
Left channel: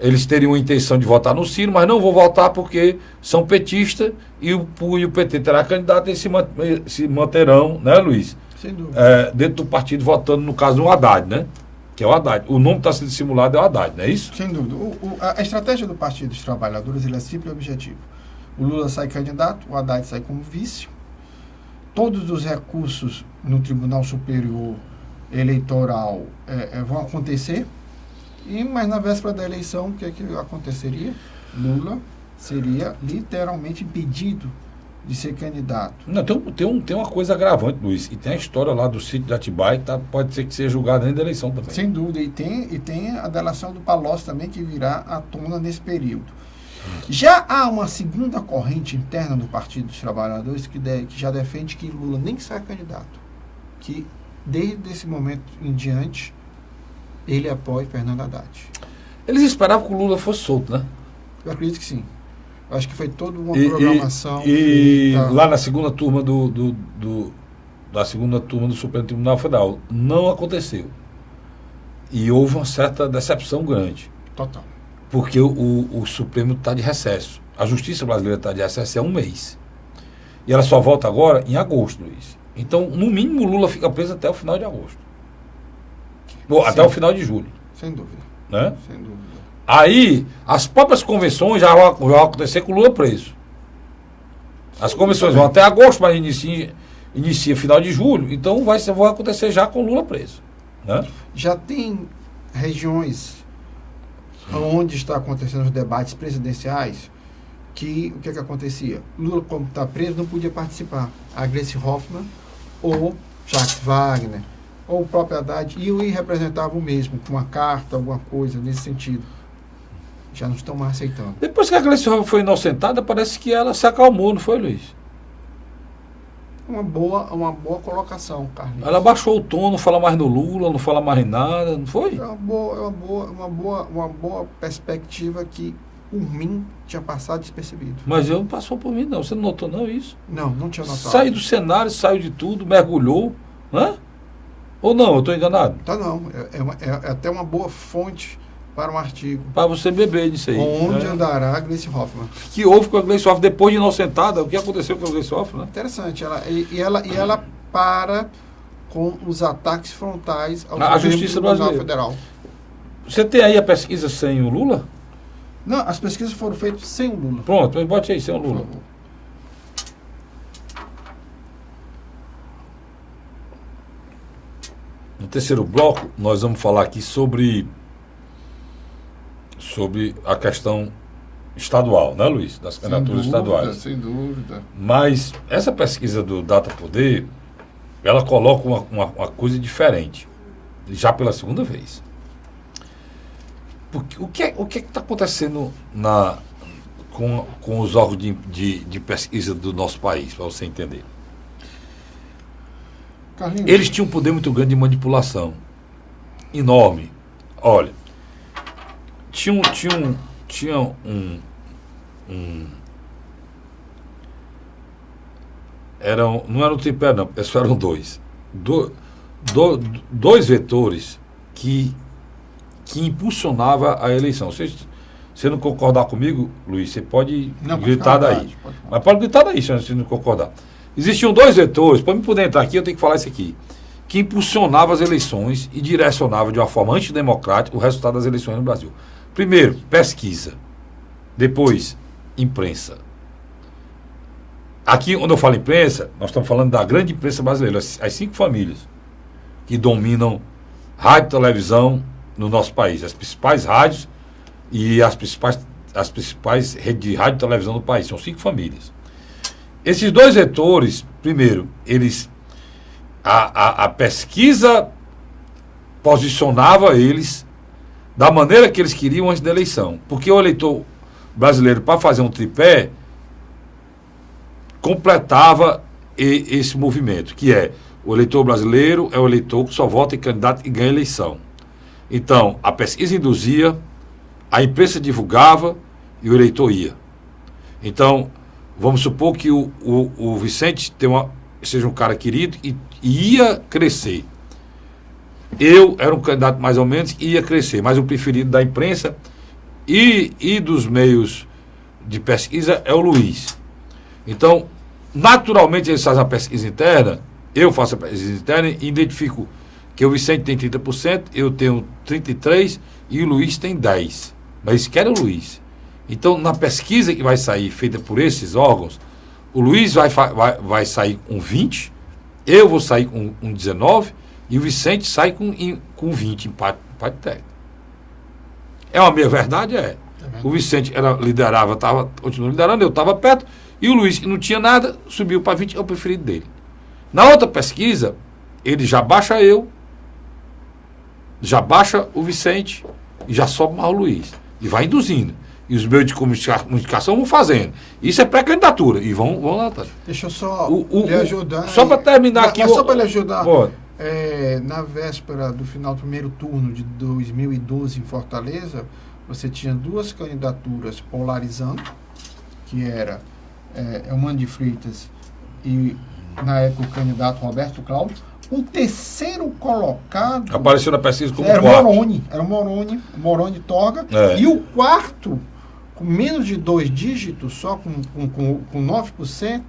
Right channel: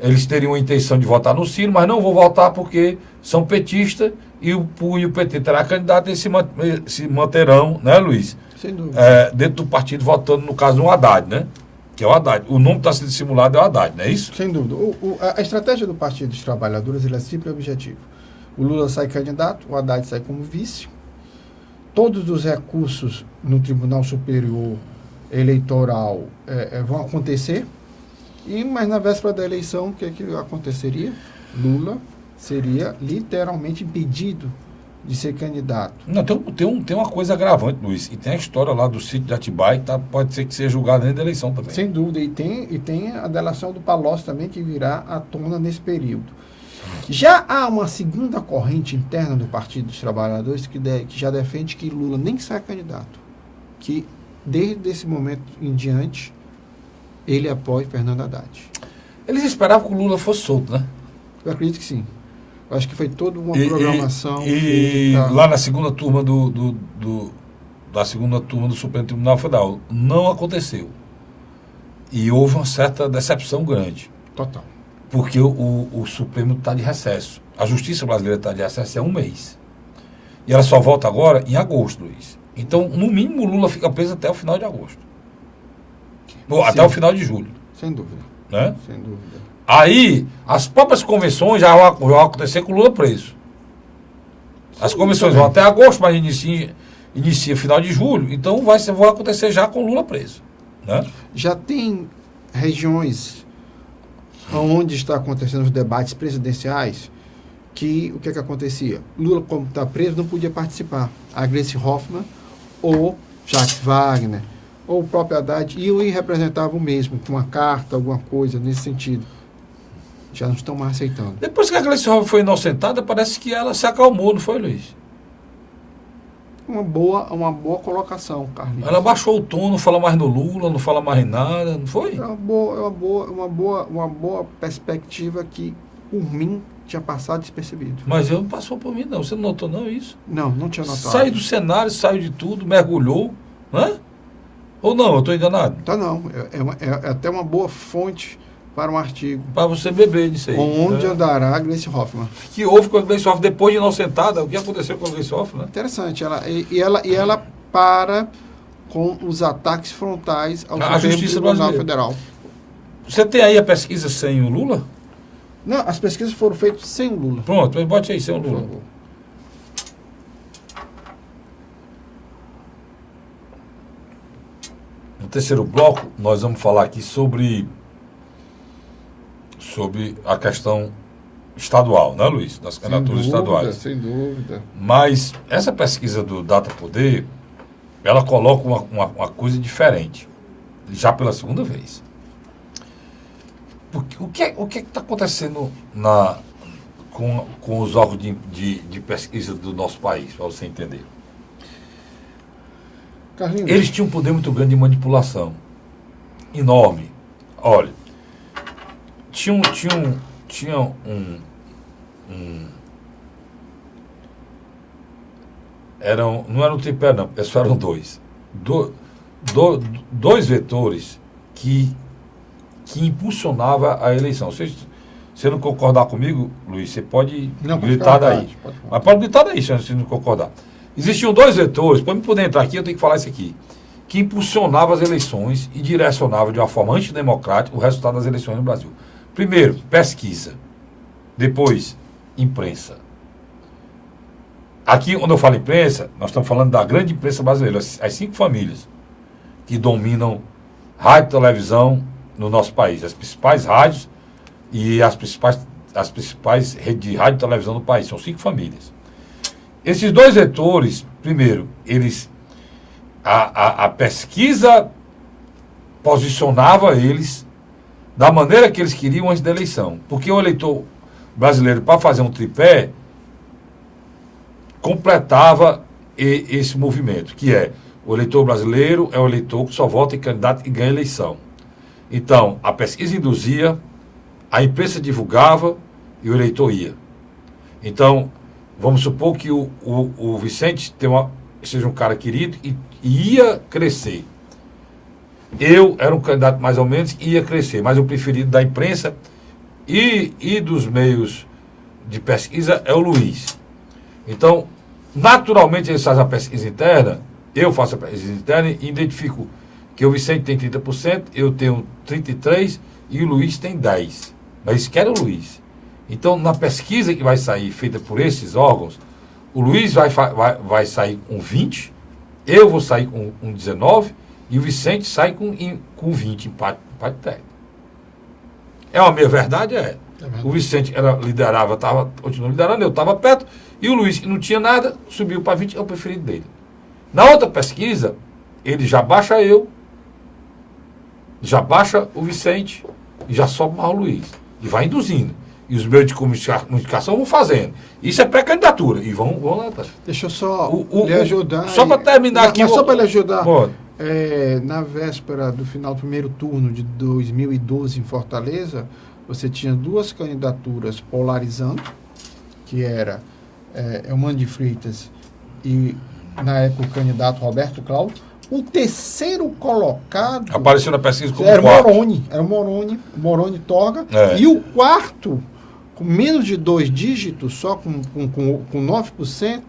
Eles teriam a intenção de votar no Ciro, mas não vão votar porque são petistas e o PT terá candidato e se manterão, né, Luiz? Sem dúvida. Dentro do partido votando, no caso, no Haddad, né? Que é o Haddad. O nome que está sendo simulado é o Haddad, não é isso? Sem dúvida. A estratégia do Partido dos Trabalhadores é simples e objetiva. O Lula sai candidato, o Haddad sai como vice. Todos os recursos no Tribunal Superior Eleitoral vão acontecer. Mas na véspera da eleição, o que é que aconteceria? Lula seria literalmente impedido de ser candidato. Não, tem uma coisa agravante, Luiz. E tem a história lá do sítio de Atibaia, que pode ser que seja julgado dentro da eleição também. Sem dúvida. E tem a delação do Palocci também, que virá à tona nesse período. Já há uma segunda corrente interna do Partido dos Trabalhadores que já defende que Lula nem sai candidato. Que, desde esse momento em diante, ele apoia Fernando Haddad. Eles esperavam que o Lula fosse solto, né? Eu acredito que sim. Eu acho que foi toda uma programação. Lá na segunda turma da segunda turma do Supremo Tribunal Federal não aconteceu. E houve uma certa decepção grande. Total. Porque o Supremo está de recesso. A Justiça brasileira está de recesso há um mês. E ela só volta agora em agosto, Luiz. Então, no mínimo, o Lula fica preso até o final de agosto. Ou até o final de julho. Sem dúvida. Né? Sem dúvida. Aí, as próprias convenções já vão acontecer com o Lula preso. As convenções vão até agosto, mas inicia final de julho. Então, vai acontecer já com o Lula preso. Né? Já tem regiões onde está acontecendo os debates presidenciais que o que acontecia? Lula, como está preso, não podia participar. A Gleice Hoffmann ou Jacques Wagner ou o próprio Haddad iam e representavam o mesmo, com uma carta, alguma coisa nesse sentido. Já não estão mais aceitando. Depois que a Gleice Hoffmann foi inocentada, parece que ela se acalmou, não foi, Luiz? Uma boa colocação, Carlinhos. Ela baixou o tom, não fala mais no Lula, não fala mais em nada, não foi? É uma boa perspectiva que, por mim, tinha passado despercebido. Mas eu não passou por mim, não. Você não notou, não, isso? Não tinha notado. Saiu do cenário, saiu de tudo, mergulhou, né? Ou não, eu estou enganado? Tá, não. É até uma boa fonte para um artigo. Para você beber disso aí. Onde andará a Gleice Hoffmann? Que houve com a Gleice Hoffmann depois de inocentada? O que aconteceu com a Gleice Hoffmann? Né? Interessante. Ela para com os ataques frontais ao Justiça Tribunal Brasileira. Federal. Você tem aí a pesquisa sem o Lula? Não, as pesquisas foram feitas sem o Lula. Pronto, mas bote aí, sem o Lula. No terceiro bloco, nós vamos falar aqui sobre a questão estadual, né, Luiz? Das candidaturas estaduais. Sem dúvida. Mas essa pesquisa do Data Poder, ela coloca uma coisa diferente, já pela segunda vez. Porque, o que está acontecendo com os órgãos de pesquisa do nosso país, para você entender? Carlinhos. Eles tinham um poder muito grande de manipulação. Enorme. Olha, não era um tripé, não. Só eram dois. Dois vetores que impulsionava a eleição. Se você não concordar comigo, Luiz, você pode gritar daí. Mas pode gritar daí, se você não concordar. Existiam dois vetores, para eu poder entrar aqui, eu tenho que falar isso aqui, que impulsionavam as eleições e direcionavam de uma forma antidemocrática o resultado das eleições no Brasil. Primeiro, pesquisa. Depois, imprensa. Aqui, quando eu falo imprensa, nós estamos falando da grande imprensa brasileira, as 5 famílias que dominam rádio e televisão no nosso país, as principais rádios e as principais redes de rádio e televisão do país, são 5 famílias. Esses dois vetores, primeiro, a pesquisa posicionava eles da maneira que eles queriam antes da eleição. Porque o eleitor brasileiro, para fazer um tripé, completava esse movimento, que é o eleitor brasileiro é o eleitor que só vota em candidato e ganha eleição. Então, a pesquisa induzia, a imprensa divulgava e o eleitor ia. Então, vamos supor que o Vicente seja um cara querido e ia crescer. Eu era um candidato mais ou menos e ia crescer, mas o preferido da imprensa e dos meios de pesquisa é o Luiz. Então, naturalmente eles fazem a pesquisa interna, eu faço a pesquisa interna e identifico que o Vicente tem 30%, eu tenho 33% e o Luiz tem 10%. Mas eles querem o Luiz. Então, na pesquisa que vai sair, feita por esses órgãos, o Luiz vai sair com 20%, eu vou sair com 19% e o Vicente sai com 20%, empate técnico. É uma meia verdade? É. O Vicente liderava, continuou liderando, eu estava perto, e o Luiz, que não tinha nada, subiu para 20%, é o preferido dele. Na outra pesquisa, ele já baixa eu, já baixa o Vicente, e já sobe mais o Luiz. E vai induzindo. E os meios de comunicação vão fazendo. Isso é pré-candidatura. E vão lá. Deixa eu só lhe ajudar. Só para terminar aqui. Mas só para lhe ajudar. Pô. Na véspera do final do primeiro turno de 2012 em Fortaleza, você tinha duas candidaturas polarizando, que era Eumano de Freitas e, na época, o candidato Roberto Cláudio. O terceiro colocado... Apareceu na pesquisa como era quarto. Era o Moroni Toga. E o quarto, com menos de 2 dígitos, só com 9%,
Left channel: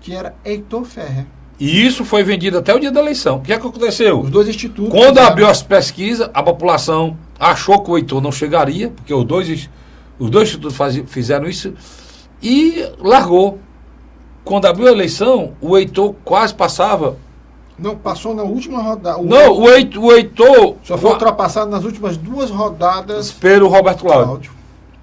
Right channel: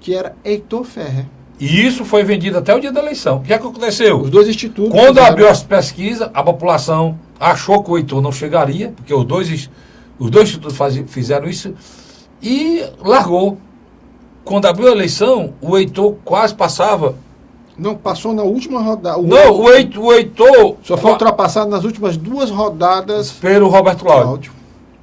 que era Heitor Ferrer. E isso foi vendido até o dia da eleição. O que é que aconteceu? Os dois institutos... Quando abriu as pesquisas, a população achou que o Heitor não chegaria, porque os dois institutos fizeram isso, e largou. Quando abriu a eleição, o Heitor quase passava... Não, passou na última rodada. O Heitor... Só foi ultrapassado nas últimas 2 rodadas... Pelo Roberto Cláudio.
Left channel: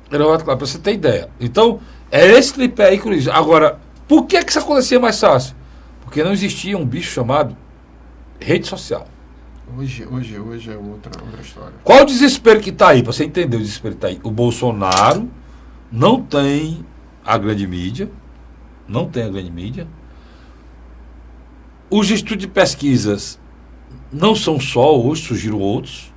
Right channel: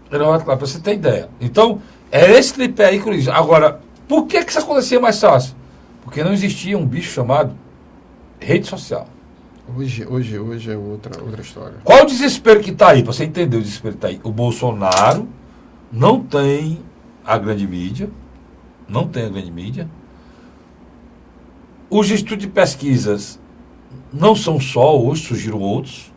Para você ter ideia. Então, é esse tripé aí que eu disse. Agora, por que isso acontecia mais fácil? Porque não existia um bicho chamado rede social. Hoje é outra história. Qual o desespero que está aí? Para você entender o desespero que está aí. O Bolsonaro não tem a grande mídia. Não tem a grande mídia. Os institutos de pesquisas não são só, hoje surgiram outros.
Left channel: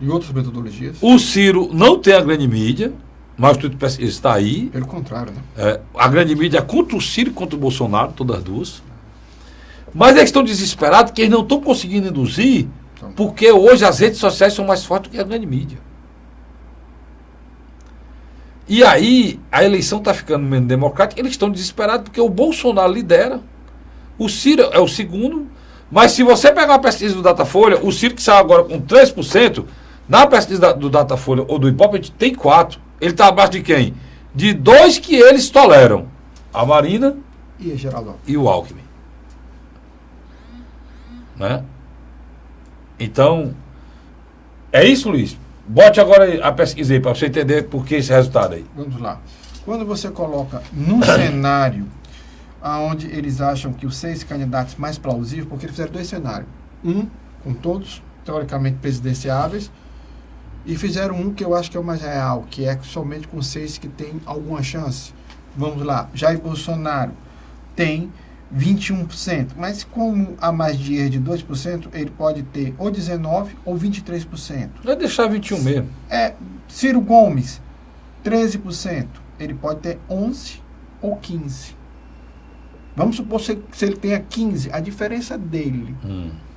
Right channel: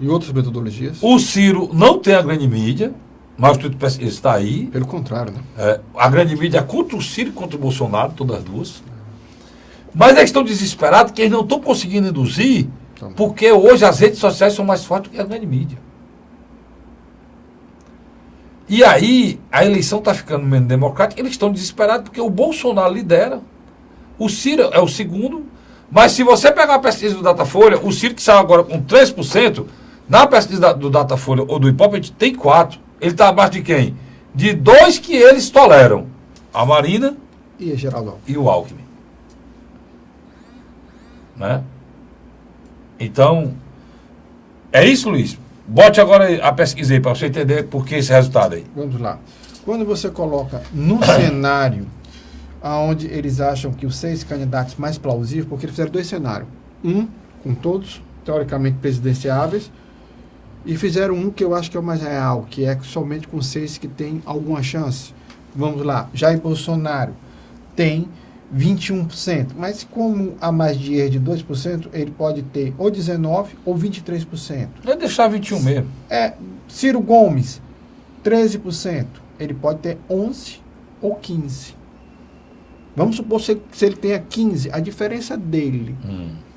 E outras metodologias? O Ciro não tem a grande mídia, mas o instituto de pesquisa está aí. Pelo contrário, né? A grande mídia é contra o Ciro e contra o Bolsonaro, todas as duas. Mas eles estão desesperados que eles não estão conseguindo induzir, porque hoje as redes sociais são mais fortes do que a grande mídia. E aí, a eleição está ficando menos democrática, eles estão desesperados porque o Bolsonaro lidera. O Ciro é o segundo, mas se você pegar a pesquisa do Datafolha, o Ciro que saiu agora com 3%, na pesquisa do Datafolha ou do Ibope tem 4%. Ele está abaixo de quem? De 2 que eles toleram. A Marina e a Geraldo e o Alckmin. Né? Então, é isso, Luiz. Bote agora a pesquisa aí para você entender por que esse resultado aí. Vamos lá. Quando você coloca no cenário onde eles acham que os 6 candidatos mais plausíveis, porque eles fizeram 2 cenários. Um com todos, teoricamente, presidenciáveis, e fizeram um que eu acho que é o mais real, que é somente com 6 que tem alguma chance. Vamos lá. Jair Bolsonaro tem 21%, mas como a magia de 2%, ele pode ter ou 19% ou 23%. Vai deixar 21% mesmo. Ciro Gomes, 13%. Ele pode ter 11% ou 15%. Vamos supor se ele tenha 15%, a diferença dele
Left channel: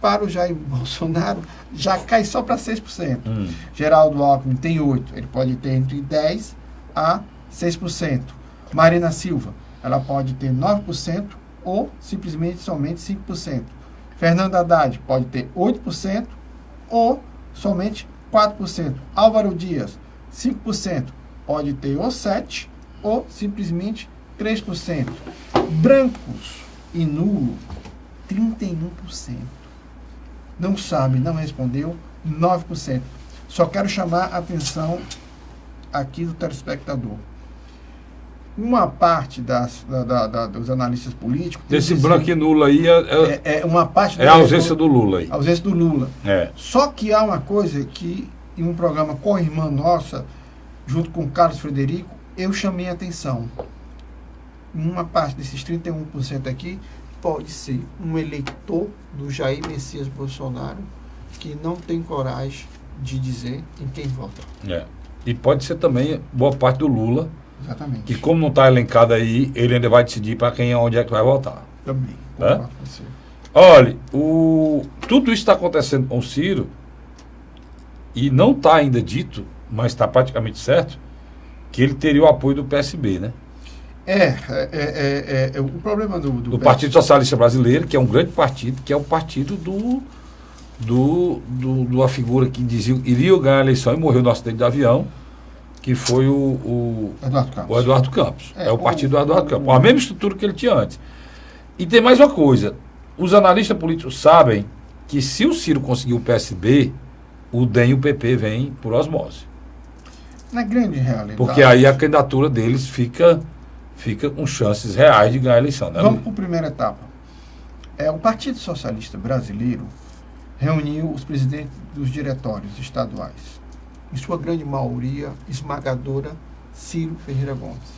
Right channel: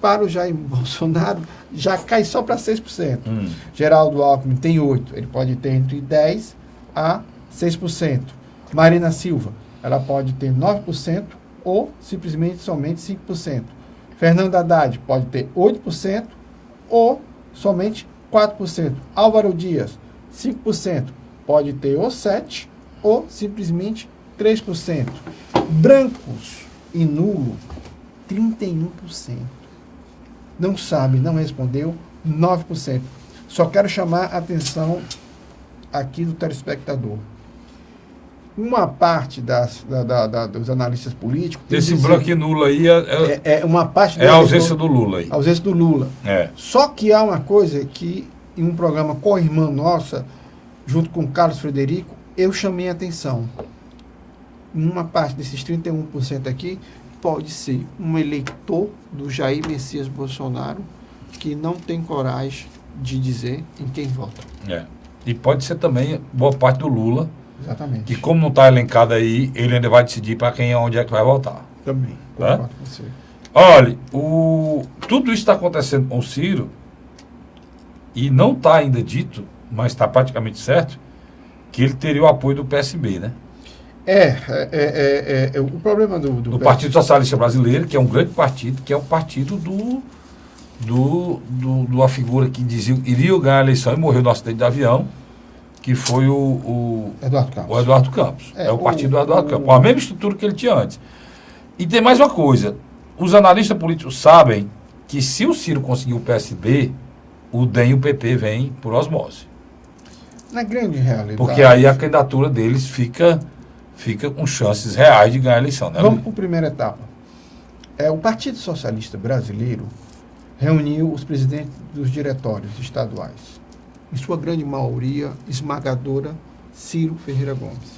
para o Jair Bolsonaro já cai só para 6%. Geraldo Alckmin tem 8%, ele pode ter entre 10% a 6%. Marina Silva, ela pode ter 9% ou simplesmente somente 5%. Fernando Haddad pode ter 8% ou somente 4%. Álvaro Dias, 5%, pode ter ou 7% ou simplesmente 3%. Brancos e nulo, 31%. Não sabe, não respondeu, 9%. Só quero chamar a atenção aqui do telespectador. Uma parte dos analistas políticos... Esse branco e nulo aí uma parte é a ausência do Lula aí. A ausência do Lula. É. Só que há uma coisa que em um programa com a irmã nossa, junto com o Carlos Frederico, eu chamei a atenção. Uma parte desses 31% aqui pode ser um eleitor do Jair Messias Bolsonaro que não tem coragem de dizer em quem vota. E pode ser também boa parte do Lula, Exatamente. que como não está elencado aí, ele ainda vai decidir para quem e onde é que vai votar. Também. Né? Concordo com você. Olha, tudo isso está acontecendo com o Ciro e não está ainda dito, mas está praticamente certo, que ele teria o apoio do PSB, né? O problema do Partido Socialista Brasileiro, que é um grande partido, que é o partido da figura que dizia iria ganhar a eleição e morreu no acidente de avião, que foi o Eduardo Campos. É o partido do Eduardo Campos, com a mesma estrutura que ele tinha antes. E tem mais uma coisa, os analistas políticos sabem que se o Ciro conseguir o PSB, o DEM e o PP vêm por osmose. Na grande realidade. Porque aí a candidatura deles fica com chances reais de ganhar a eleição. Né? Vamos para a primeira etapa. O Partido Socialista Brasileiro reuniu os presidentes dos diretórios estaduais. Em sua grande maioria, esmagadora, Ciro Ferreira Gomes.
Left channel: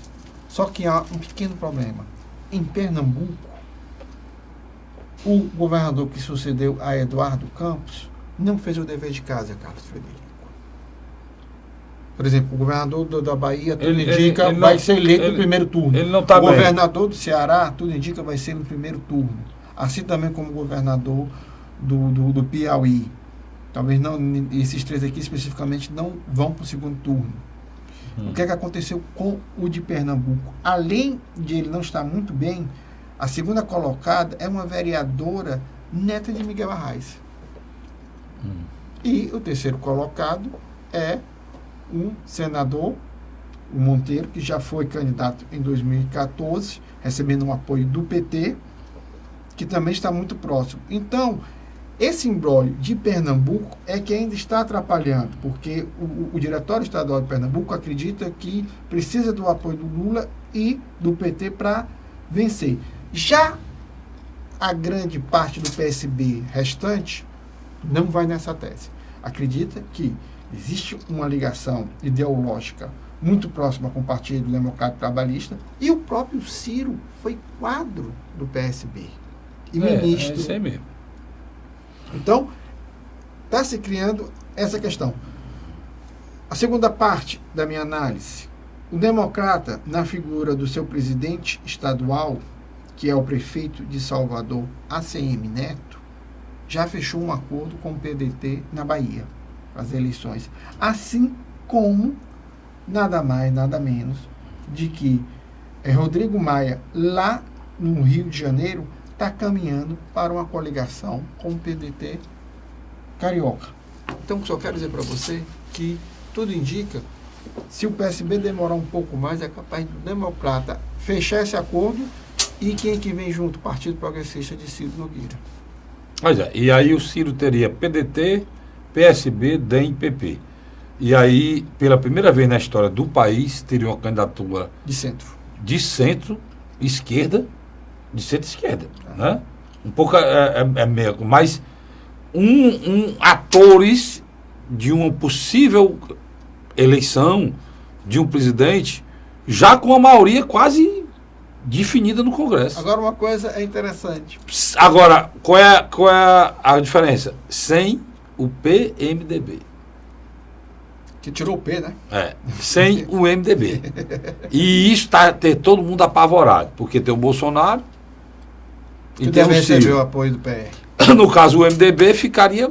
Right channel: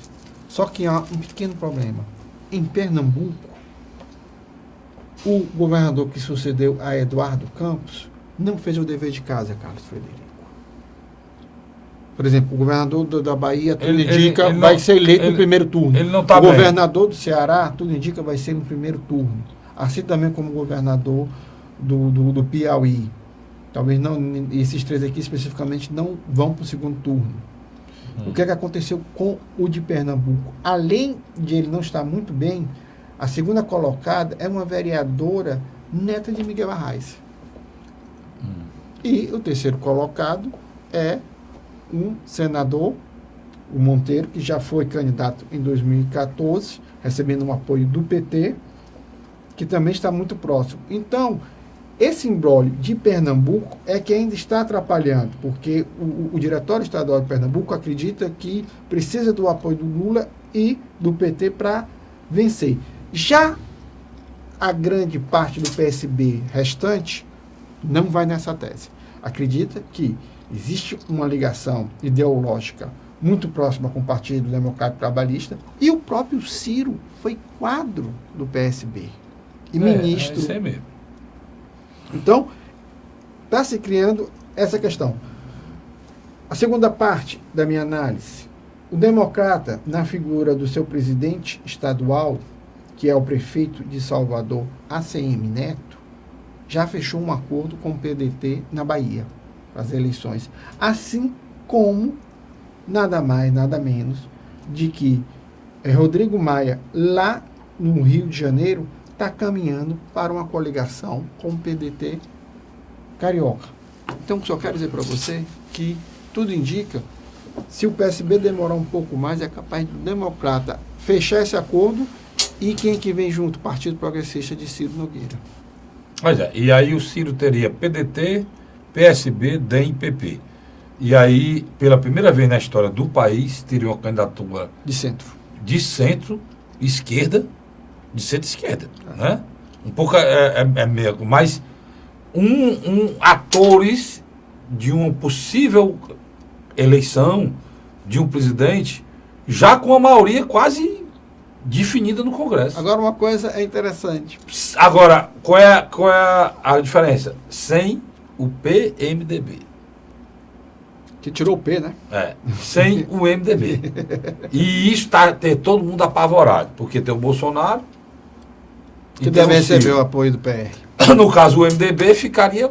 Só que há um pequeno problema. Em Pernambuco, o governador que sucedeu a Eduardo Campos não fez o dever de casa, Carlos Frederico. Por exemplo, o governador da Bahia, tudo indica, vai ser eleito no primeiro turno. Ele não tá o governador do Ceará, tudo indica, vai ser no primeiro turno. Assim também como o governador do Piauí. Talvez não, esses três aqui especificamente não vão para o segundo turno. O que é que aconteceu com o de Pernambuco? Além de ele não estar muito bem, a segunda colocada é uma vereadora neta de Miguel Arraes. E o terceiro colocado é um senador, o Monteiro, que já foi candidato em 2014, recebendo um apoio do PT, que também está muito próximo. Então, esse imbróglio de Pernambuco é que ainda está atrapalhando, porque o Diretório Estadual de Pernambuco acredita que precisa do apoio do Lula e do PT para vencer. Já a grande parte do PSB restante não vai nessa tese. Acredita que existe uma ligação ideológica muito próxima com o Partido Democrático Trabalhista e o próprio Ciro foi quadro do PSB e ministro. É isso aí mesmo. Então, está se criando essa questão. A segunda parte da minha análise, o democrata, na figura do seu presidente estadual, que é o prefeito de Salvador, ACM Neto, já fechou um acordo com o PDT na Bahia, as eleições. Assim como, nada mais, nada menos, de que Rodrigo Maia, lá no Rio de Janeiro, está caminhando para uma coligação com o PDT carioca. Então, só quero dizer para você que tudo indica, se o PSB demorar um pouco mais, é capaz do democrata fechar esse acordo e quem que vem junto? Partido Progressista de Ciro Nogueira. Mas e aí o Ciro teria PDT, PSB, DEM e PP. E aí, pela primeira vez na história do país, teria uma candidatura de centro-esquerda, de centro-esquerda, né? Um pouco meio, mas atores de uma possível eleição de um presidente já com a maioria quase definida no Congresso. Agora, uma coisa é interessante. Agora, qual é a diferença? Sem o PMDB. Que tirou o P, né? Sem o MDB. E isso ter todo mundo apavorado, porque tem o Bolsonaro, que deve receber o apoio do PR. No caso, o MDB ficaria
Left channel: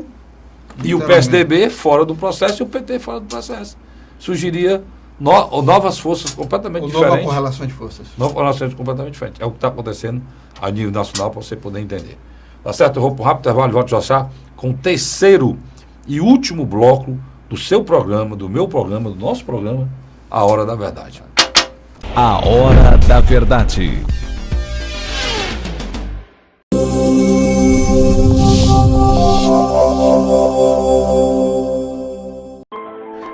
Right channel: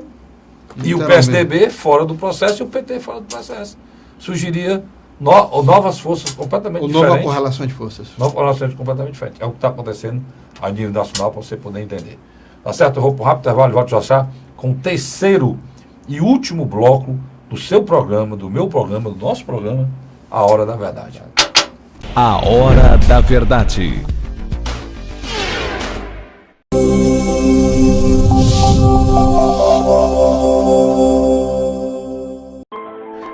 e o PSDB fora do processo e o PT fora do processo. Surgiria novas forças completamente diferentes. Nova correlação de forças. Nova correlação completamente diferente. É o que está acontecendo a nível nacional para você poder entender. Tá certo? Eu vou para um rápido intervalo e volto já já com o terceiro e último bloco do seu programa, do meu programa, do nosso programa, A Hora da Verdade. A Hora da Verdade.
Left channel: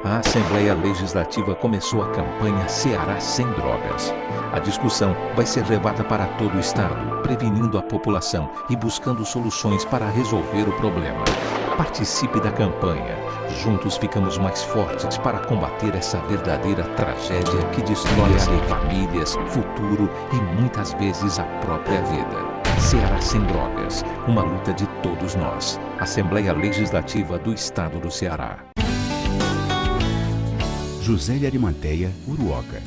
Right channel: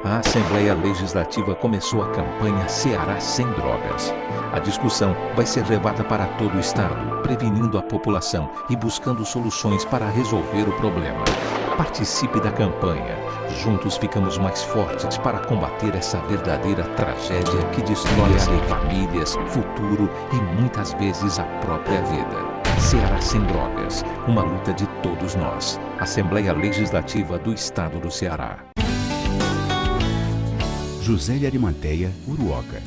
A Assembleia Legislativa começou a campanha Ceará Sem Drogas. A discussão vai ser levada para todo o estado, prevenindo a população e buscando soluções para resolver o problema. Participe da campanha. Juntos ficamos mais fortes para combater essa verdadeira tragédia que destrói famílias, futuro e muitas vezes a própria vida. Ceará Sem Drogas, uma luta de todos nós. Assembleia Legislativa do Estado do Ceará. José de Arimateia, Uruoca.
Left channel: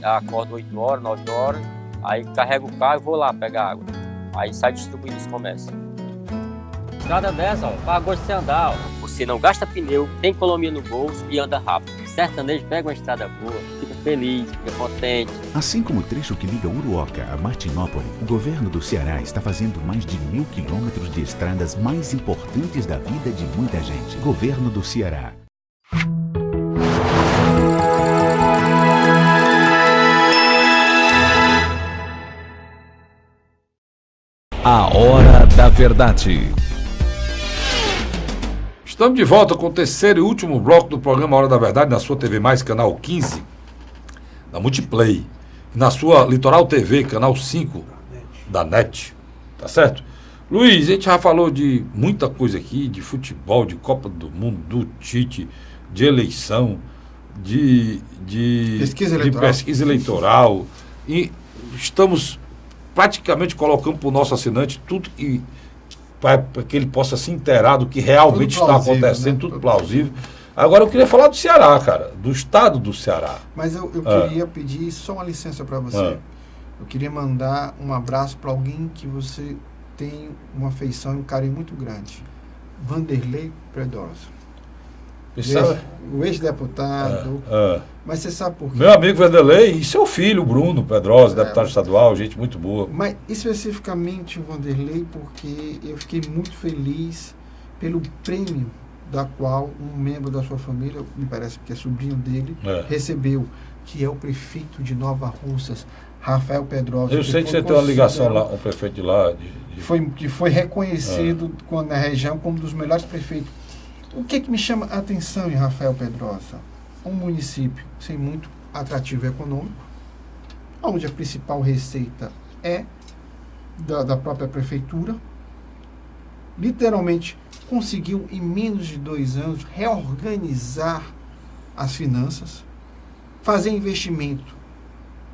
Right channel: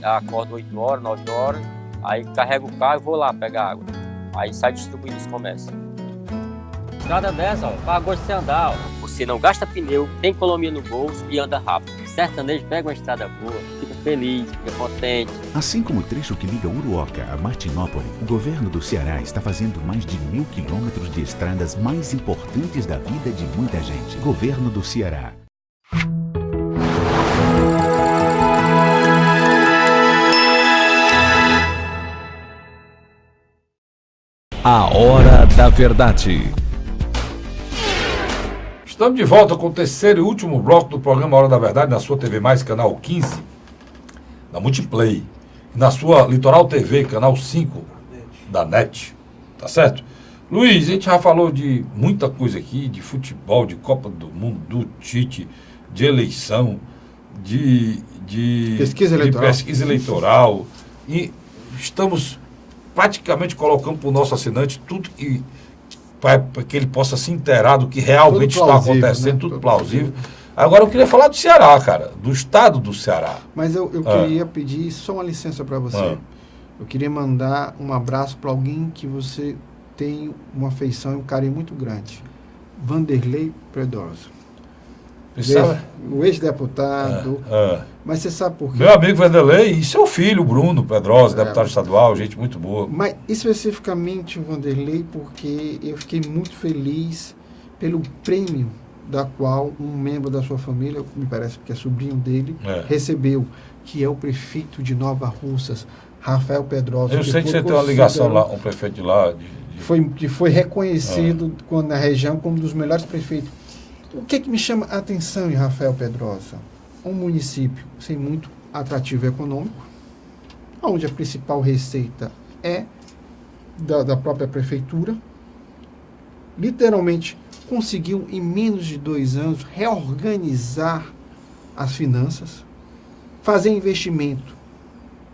Acordo 8 horas, 9 horas, aí carrego o carro e vou lá pegar água. Aí sai distribuindo os comércios. Estrada dessa, ó, para gosto de andar, ó. Você não gasta pneu, tem economia no bolso e anda rápido. Sertanejo pega uma estrada boa, fica feliz, fica contente. Assim como o trecho que liga Uruoca a Martinópole, o governo do Ceará está fazendo mais de 1.000 quilômetros de estradas mais importantes da vida de muita gente. Governo do Ceará. A Hora da Verdade. Estamos de volta com o terceiro e último bloco do programa Hora da Verdade, na sua TV Mais, canal 15, da Multiplay, e na sua Litoral TV, canal 5, da NET, tá certo? Luiz, a gente já falou de muita coisa aqui, de futebol, de Copa do Mundo, do Tite, de eleição, de pesquisa eleitoral, e estamos praticamente colocando para o nosso assinante tudo que para que ele possa se inteirar do que realmente está acontecendo, né? Tudo plausível. Agora eu queria falar do Ceará, cara, do estado do Ceará. Mas eu queria pedir só uma licença para você. Eu queria mandar um abraço para alguém que você tem uma afeição e um carinho muito grande. Vanderlei Pedrosa. O ex-deputado. Mas você sabe por quê? Meu amigo Vanderlei e seu filho, Bruno Pedrosa, deputado estadual, gente muito boa. Mas especificamente o Vanderlei, porque eu fiquei muito feliz pelo prêmio da qual um membro da sua família, me parece que é sobrinho dele, recebeu, que é o prefeito de Nova Russas, Rafael Pedrosa. Eu sei que você tem uma ligação lá, o prefeito de lá. Que foi reconhecido na região como um dos melhores prefeitos. O que me chama a atenção em Rafael Pedrosa? Um município sem muito atrativo econômico, onde a principal receita é da própria prefeitura, literalmente conseguiu em menos de 2 anos reorganizar as finanças, fazer investimento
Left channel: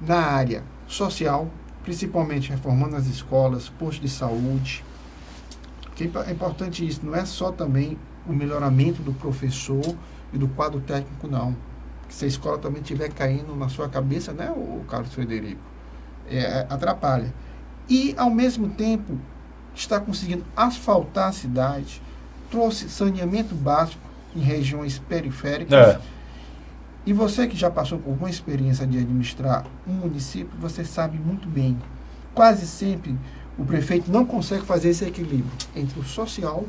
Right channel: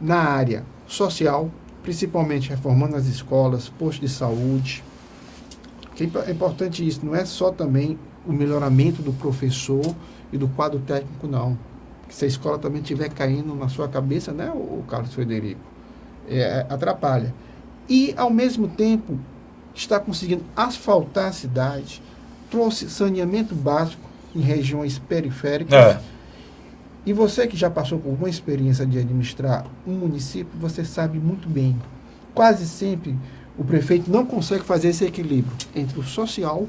na área social, principalmente reformando as escolas, postos de saúde. Que é importante isso, não é só também o melhoramento do professor e do quadro técnico, não. Se a escola também estiver caindo na sua cabeça, né, o Carlos Frederico, atrapalha. E, ao mesmo tempo, está conseguindo asfaltar a cidade, trouxe saneamento básico em regiões periféricas. E você que já passou por uma experiência de administrar um município, você sabe muito bem, quase sempre o prefeito não consegue fazer esse equilíbrio entre o social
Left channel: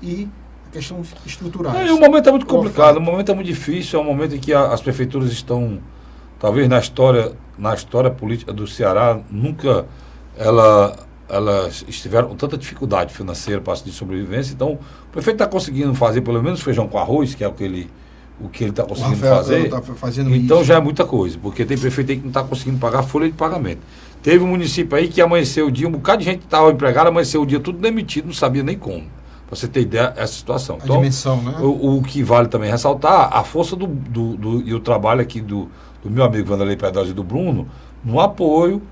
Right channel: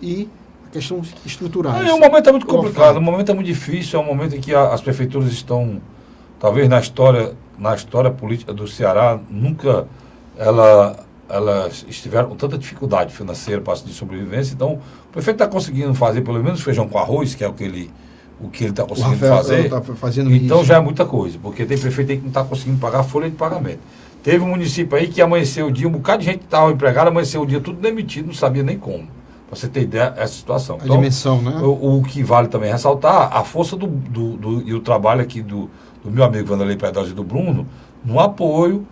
e questões estruturais. O momento é muito complicado, o momento é muito difícil, é um momento em que as prefeituras estão, talvez na história política do Ceará, nunca elas estiveram com tanta dificuldade financeira para de sobrevivência. Então, o prefeito está conseguindo fazer pelo menos feijão com arroz, que é o que ele está conseguindo fazer. Então isso já é muita coisa, porque tem prefeito aí que não está conseguindo pagar folha de pagamento. Teve um município aí que amanheceu o dia, um bocado de gente que estava empregada, amanheceu o dia tudo demitido, não sabia nem como. Pra você ter ideia, essa situação. A dimensão, né? O que vale também ressaltar, a força e o trabalho aqui do meu amigo Vanderlei Pedrosa e do Bruno, no apoio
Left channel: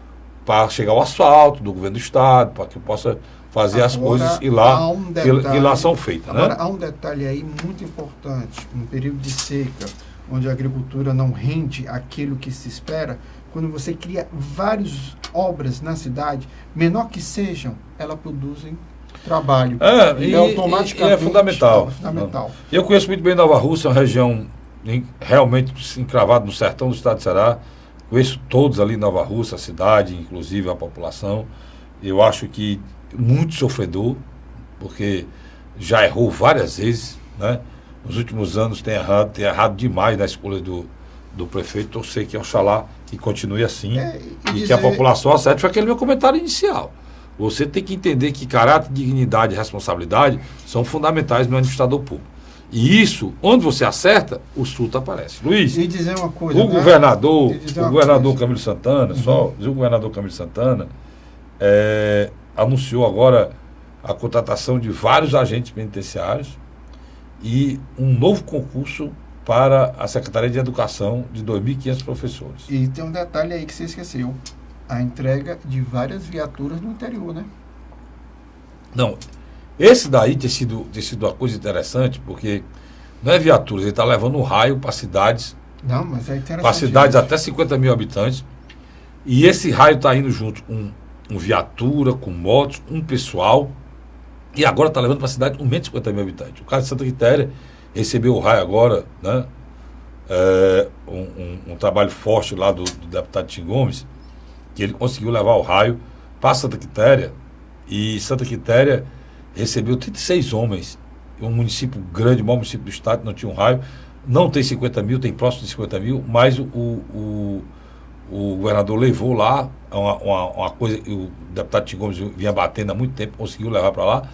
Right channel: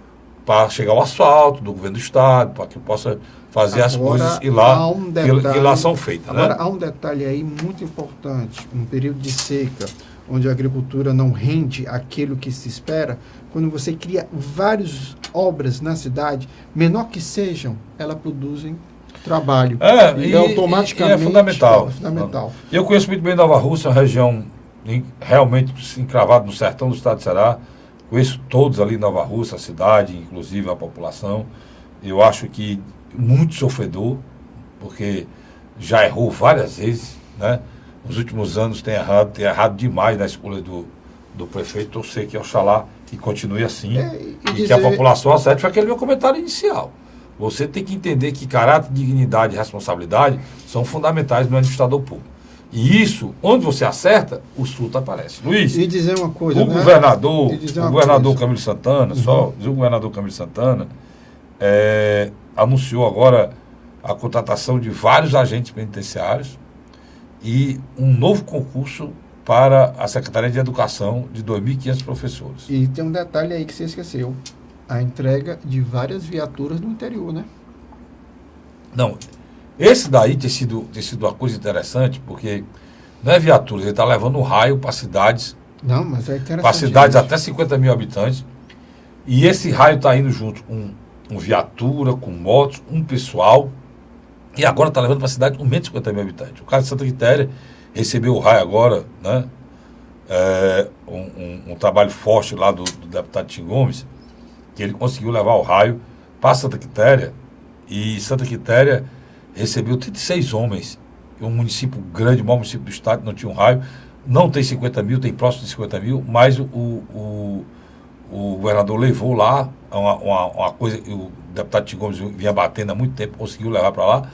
para chegar ao asfalto do governo do estado, para que possa fazer as coisas e lá são feitas. Agora, há um detalhe aí muito importante, um período de seca, onde a agricultura não rende aquilo que se espera, quando você cria várias obras na cidade, menor que sejam, elas produzem trabalho. E automaticamente é fundamental. Eu conheço muito bem Nova Russa, uma região realmente encravada no sertão do estado de Ceará. Conheço todos ali em Nova Russa, a cidade, inclusive a população. Eu acho que muito sofredor, porque já errou várias vezes, né? Nos últimos anos tem errado demais na escolha do prefeito. Eu sei que Oxalá que continue assim e que a população acerte. Foi aquele meu comentário inicial. Você tem que entender que caráter, dignidade e responsabilidade são fundamentais no administrador público. E isso, onde você acerta, os frutos aparecem. Luiz, e dizer uma coisa, o governador Camilo Santana, só dizer o governador Camilo Santana, anunciou agora a contratação de vários agentes penitenciários e um novo concurso para a Secretaria de Educação de 2.500 professores. E tem um detalhe aí que você esqueceu. A entrega de várias viaturas no interior, né? Não, esse daí tem sido uma coisa interessante, porque não é viatura, ele está levando um raio para cidades, Não, mas é interessante. para cidades isso. até 50 mil habitantes, e esse raio está indo junto com viatura, com motos, um pessoal, e agora está levando para a cidade com menos de 50 mil habitantes. O caso de Santa Quitéria recebeu o raio agora, né? Um trabalho forte lá do deputado Tim Gomes, que ele conseguiu levar o raio para Santa Quitéria, e Santa Quitéria recebeu 36 homens, um município grande, o maior município do estado, não tinha um raio, não tem 50 mil, tem próximo de 50 mil, mas o governador levou lá uma coisa que o deputado Tim Gomes vinha batendo há muito tempo, conseguiu levar para lá,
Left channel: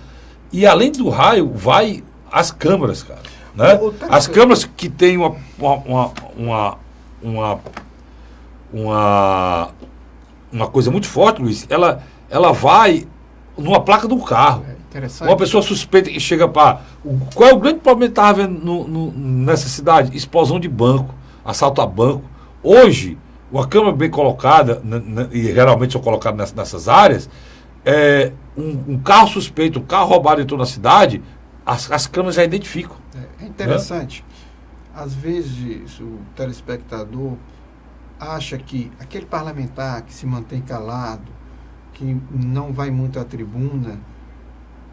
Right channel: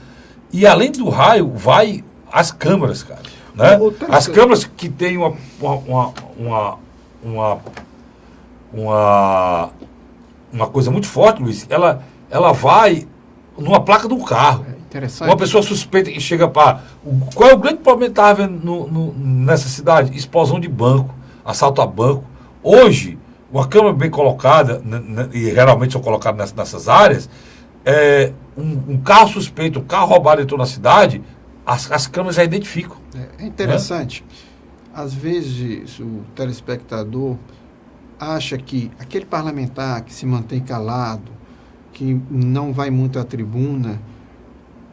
e além do raio, vai as câmaras, cara, né? As câmaras que tem uma coisa muito forte, Luiz, ela vai numa placa do carro. Interessante. Uma pessoa suspeita que chega para... Qual é o grande problema que estava vendo nessa cidade? Explosão de banco, assalto a banco. Hoje, uma câmera bem colocada, e geralmente são colocadas nessas áreas, um carro suspeito, um carro roubado entrou na cidade, as câmeras já identificam. É interessante. Às vezes o telespectador acha que aquele parlamentar que se mantém calado, que não vai muito à tribuna,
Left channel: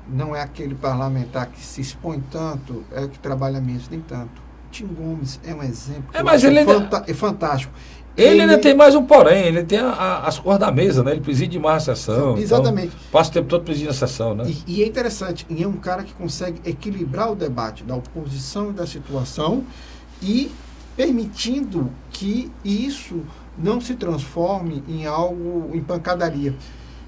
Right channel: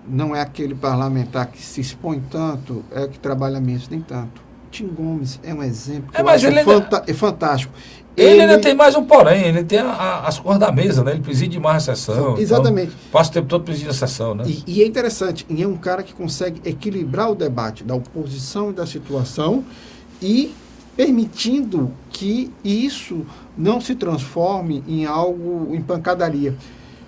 não é aquele parlamentar que se expõe tanto, é que trabalha menos, nem tanto. Tim Gomes é um exemplo. Mas ele é fantástico. Ele ainda tem mais um porém, ele tem as cores da mesa, né? Ele preside mais a sessão. Exatamente. Então, passa o tempo todo presidindo a sessão, né? E é interessante, e é um cara que consegue equilibrar o debate da oposição e da situação e permitindo que isso não se transforme em algo, em pancadaria.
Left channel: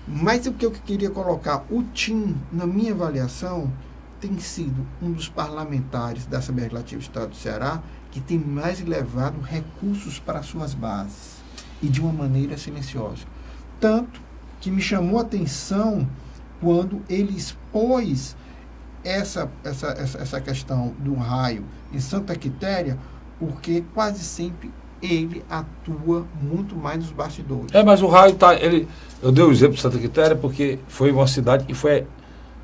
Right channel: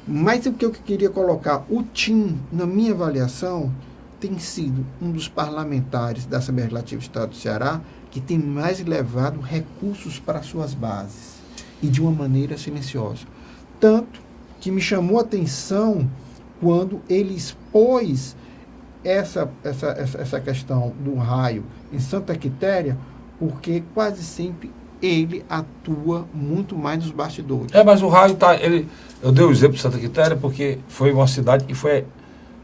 Mas o que eu queria colocar, o Tim, na minha avaliação, tem sido um dos parlamentares da Assembleia Legislativa do Estado do Ceará que tem mais levado recursos para suas bases e de uma maneira silenciosa. Tanto que me chamou a atenção quando ele expôs essa questão do raio em Santa Quitéria, porque quase sempre ele atua muito mais nos bastidores. Mas o raio tá... Eu dei o exemplo de Santa Quitéria porque foi uma cidade que foi...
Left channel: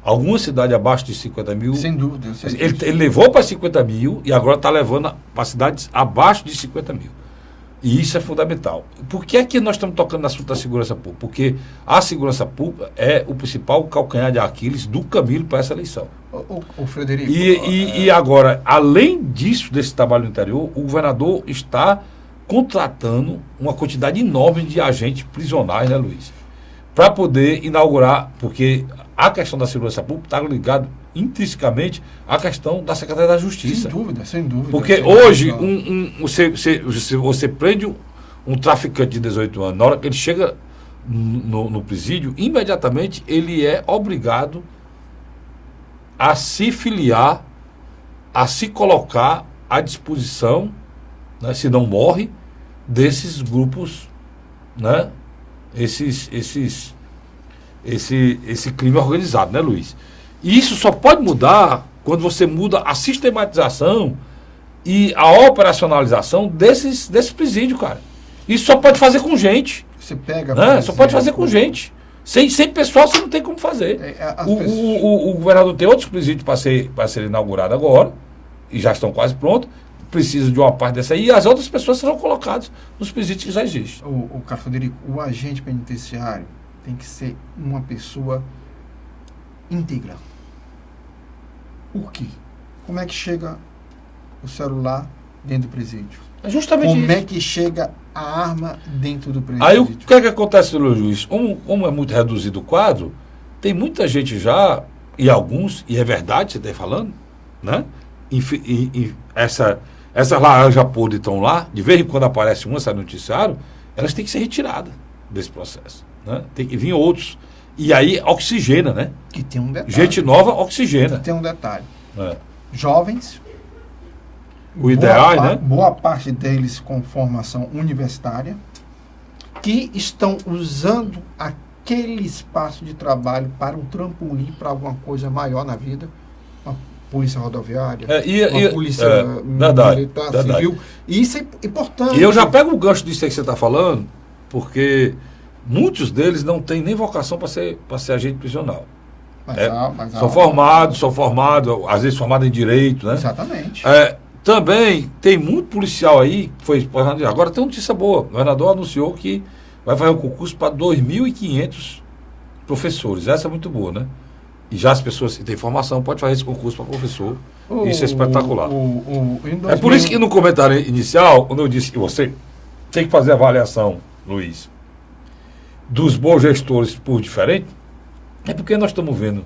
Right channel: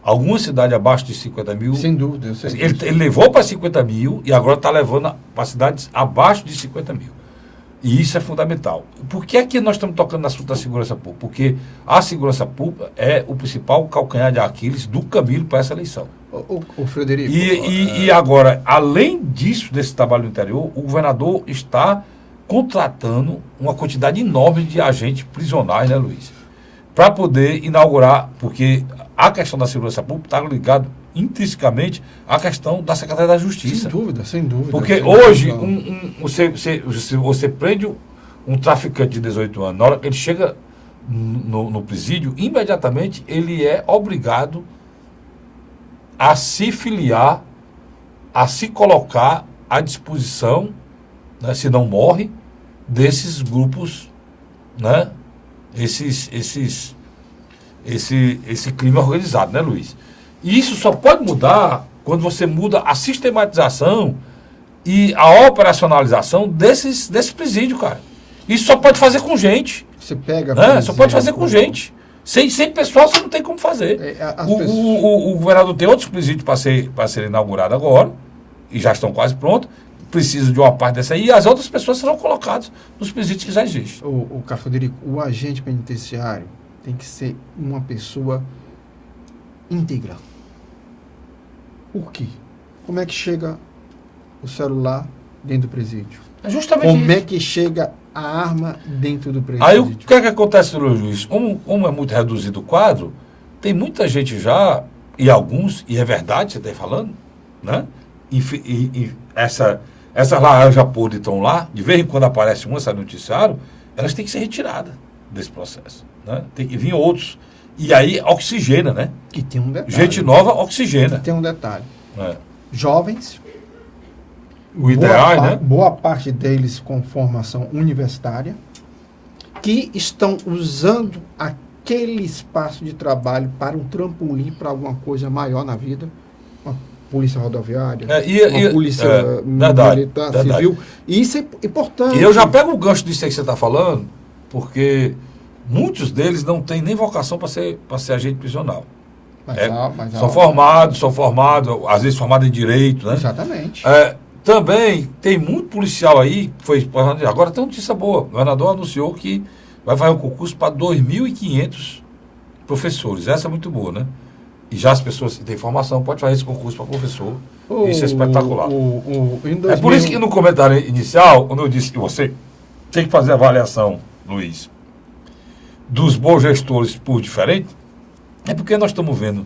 Alguma cidade abaixo de 50 mil... Sem dúvida, eu sei. Ele levou para 50 mil e agora está levando para cidades abaixo de 50 mil. E isso é fundamental. Por que é que nós estamos tocando no assunto da segurança pública? Porque a segurança pública é o principal calcanhar de Aquiles do caminho para essa eleição. O Frederico... E agora, além disso, desse trabalho no interior, o governador está contratando uma quantidade enorme de agentes prisionais, né, Luiz? Para poder inaugurar, porque a questão da segurança pública está ligada intrinsecamente à questão da Secretaria da Justiça. Sem dúvida. Porque hoje, você prende um traficante de 18 anos, na hora que ele chega no presídio, imediatamente ele é obrigado a se filiar, a se colocar à disposição, né, se não morre, desses grupos, né? Esse crime organizado, né, Luiz? E isso só pode mudar quando você muda a sistematização e a operacionalização desse presídio, cara. Isso só pode fazer com gente. Você pega... Né? Só pode fazer com gente. Sem pessoal você não tem como fazer. O governador tem outros presídios para ser inaugurado agora, e já estão quase prontos. Precisa de uma parte dessa aí, e as outras pessoas serão colocadas nos presídios que já existem. O Carlos Frederico, o agente penitenciário tem que ser uma pessoa íntegra. Por quê? Como é que chega o celular dentro do presídio? É justamente Como isso. é que chega a arma dentro do presídio? Aí o que é que acontece, Luiz Luiz? Como é muito reduzido o quadro, tem muita gente já, e alguns, e é verdade, você está falando, né? Essas laranjas podres estão lá, de vez em quando aparece uma, sai no noticiário, elas têm que ser retiradas desse processo. Né? Tem que vir outros. E aí oxigena, né? Que tem um detalhe. Gente nova oxigena. Que tem um detalhe. Jovens, o ideal, né? Boa parte deles com formação universitária, que estão usando aquele espaço de trabalho para um trampolim para alguma coisa maior na vida. Uma polícia rodoviária, uma polícia militar, civil. E isso é importante. E eu já pego o gancho disso aí que você está falando, porque muitos deles não têm nem vocação para ser agente prisional. São formados, às vezes formados em direito, né? Exatamente. Também tem muito policial aí, agora tem uma notícia boa. O governador anunciou que vai fazer um concurso para 2.500 professores. Essa é muito boa, né? E já as pessoas que têm formação podem fazer esse concurso para professor. Isso é espetacular. É por isso que no comentário inicial, quando eu disse que você tem que fazer a avaliação, Luiz, dos bons gestores por diferente, é porque nós estamos vendo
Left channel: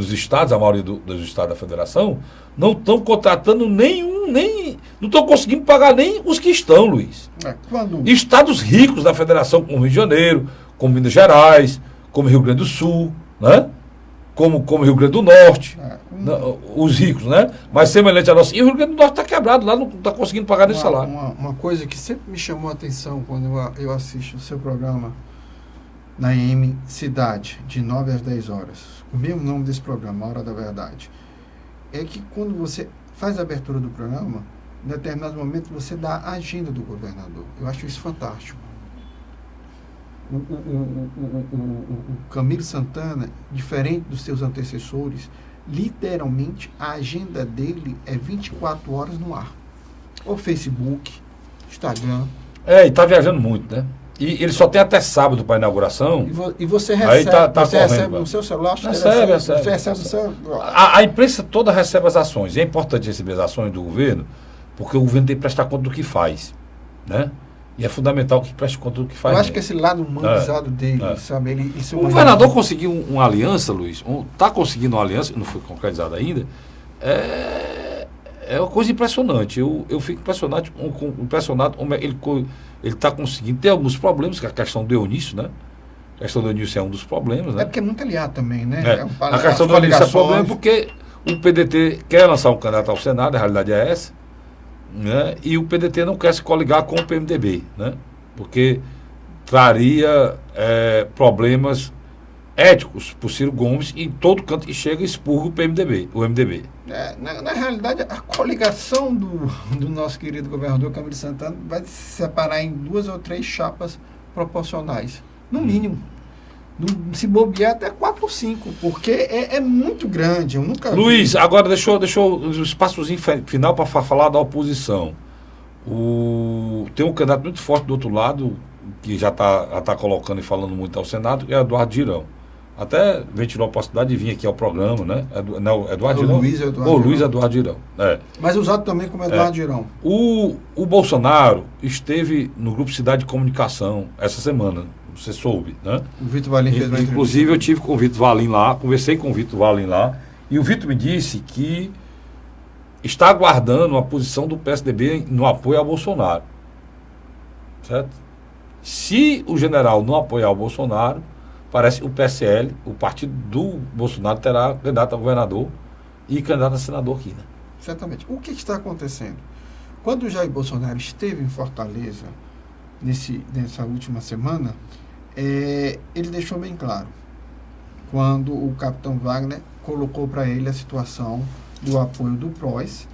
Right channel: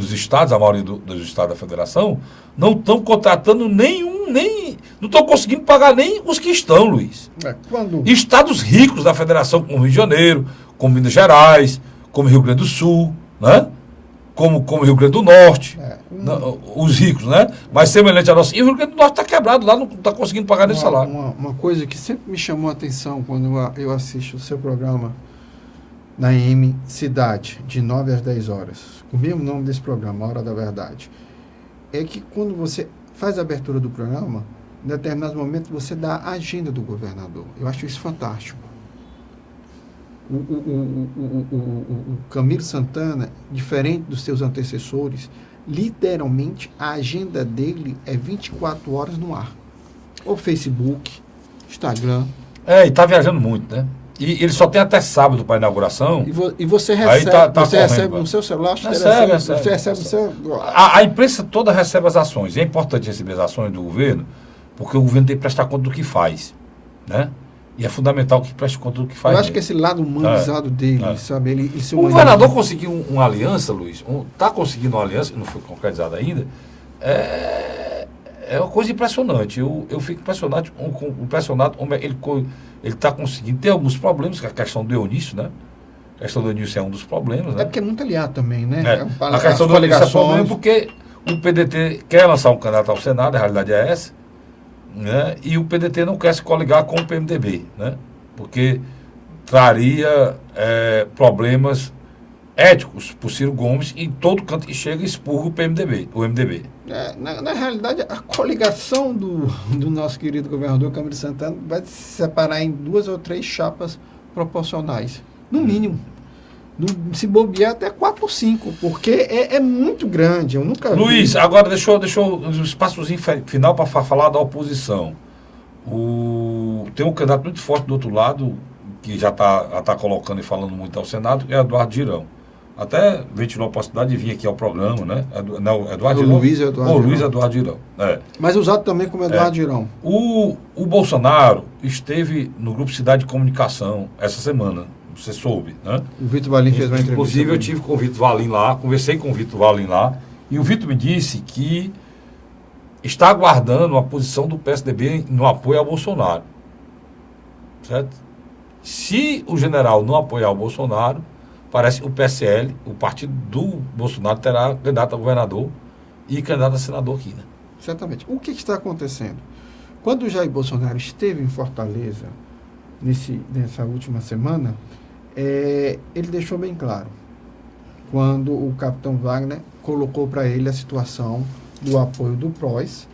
os estados, a maioria dos estados da federação, não estão contratando não estão conseguindo pagar nem os que estão, Luiz. Estados ricos da federação, como Rio de Janeiro, como Minas Gerais, como Rio Grande do Sul, né? Como Rio Grande do Norte, os ricos, né? Mas semelhante a nossa. E o Rio Grande do Norte está quebrado, lá não está conseguindo pagar nem salário. Uma coisa que sempre me chamou a atenção quando eu assisto o seu programa na AM Cidade, de 9 às 10 horas, o mesmo nome desse programa, A Hora da Verdade, é que quando você faz a abertura do programa, em determinados momentos você dá a agenda do governador. Eu acho isso fantástico. O Camilo Santana, diferente dos seus antecessores, literalmente a agenda dele é 24 horas no ar. O Facebook, Instagram. E está viajando muito, né? E ele só tem até sábado para a inauguração. E você recebe, você recebe no seu celular? Recebe. Você recebe no seu... A imprensa toda recebe as ações. E é importante receber as ações do governo, porque o governo tem que prestar conta do que faz, né? E é fundamental que preste conta do que faz. Eu acho que esse lado humanizado dele, sabe? O governador conseguiu uma aliança, Luiz, está conseguindo uma aliança, não foi concretizada ainda, é uma coisa impressionante. Eu fico impressionado como ele está conseguindo. Tem alguns problemas, que é a questão do Eunício, né? A questão do Eunício é um dos problemas, né? É porque é muito aliado também, né? A questão do Eunício é um problema porque o PDT quer lançar um candidato ao Senado, a realidade é essa, né? E o PDT não quer se coligar com o PMDB, né? Porque traria problemas éticos para o Ciro Gomes, e em todo canto que chega expurga o MDB. Na realidade, a coligação do nosso querido governador Camilo Santana vai se separar em 2 ou 3 chapas proporcionais, no mínimo. Se bobear até 4 ou 5, porque é muito grande. Eu nunca Luiz, vi. Agora deixa eu um espaçozinho final para falar da oposição. Tem um candidato muito forte do outro lado, que já tá colocando e falando muito ao Senado, que é Eduardo Girão. Até ventilou a possibilidade de vir aqui ao programa, né? Eduardo Girão. Luiz Eduardo Girão. Mas usado também como Eduardo Girão. O Bolsonaro esteve no Grupo Cidade de Comunicação essa semana. Você soube, né? O Vitor Valim fez uma entrevista. Inclusive, eu tive com o Vitor Valim lá, conversei com o Vitor Valim lá, e o Vitor me disse que está aguardando a posição do PSDB no apoio ao Bolsonaro. Certo? Se o general não apoiar o Bolsonaro, parece que o PSL, o partido do Bolsonaro, terá candidato a governador e candidato a senador aqui, né? Certamente. O que está acontecendo? Quando o Jair Bolsonaro esteve em Fortaleza, nessa última semana, ele deixou bem claro, quando o capitão Wagner colocou para ele a situação do apoio do PROS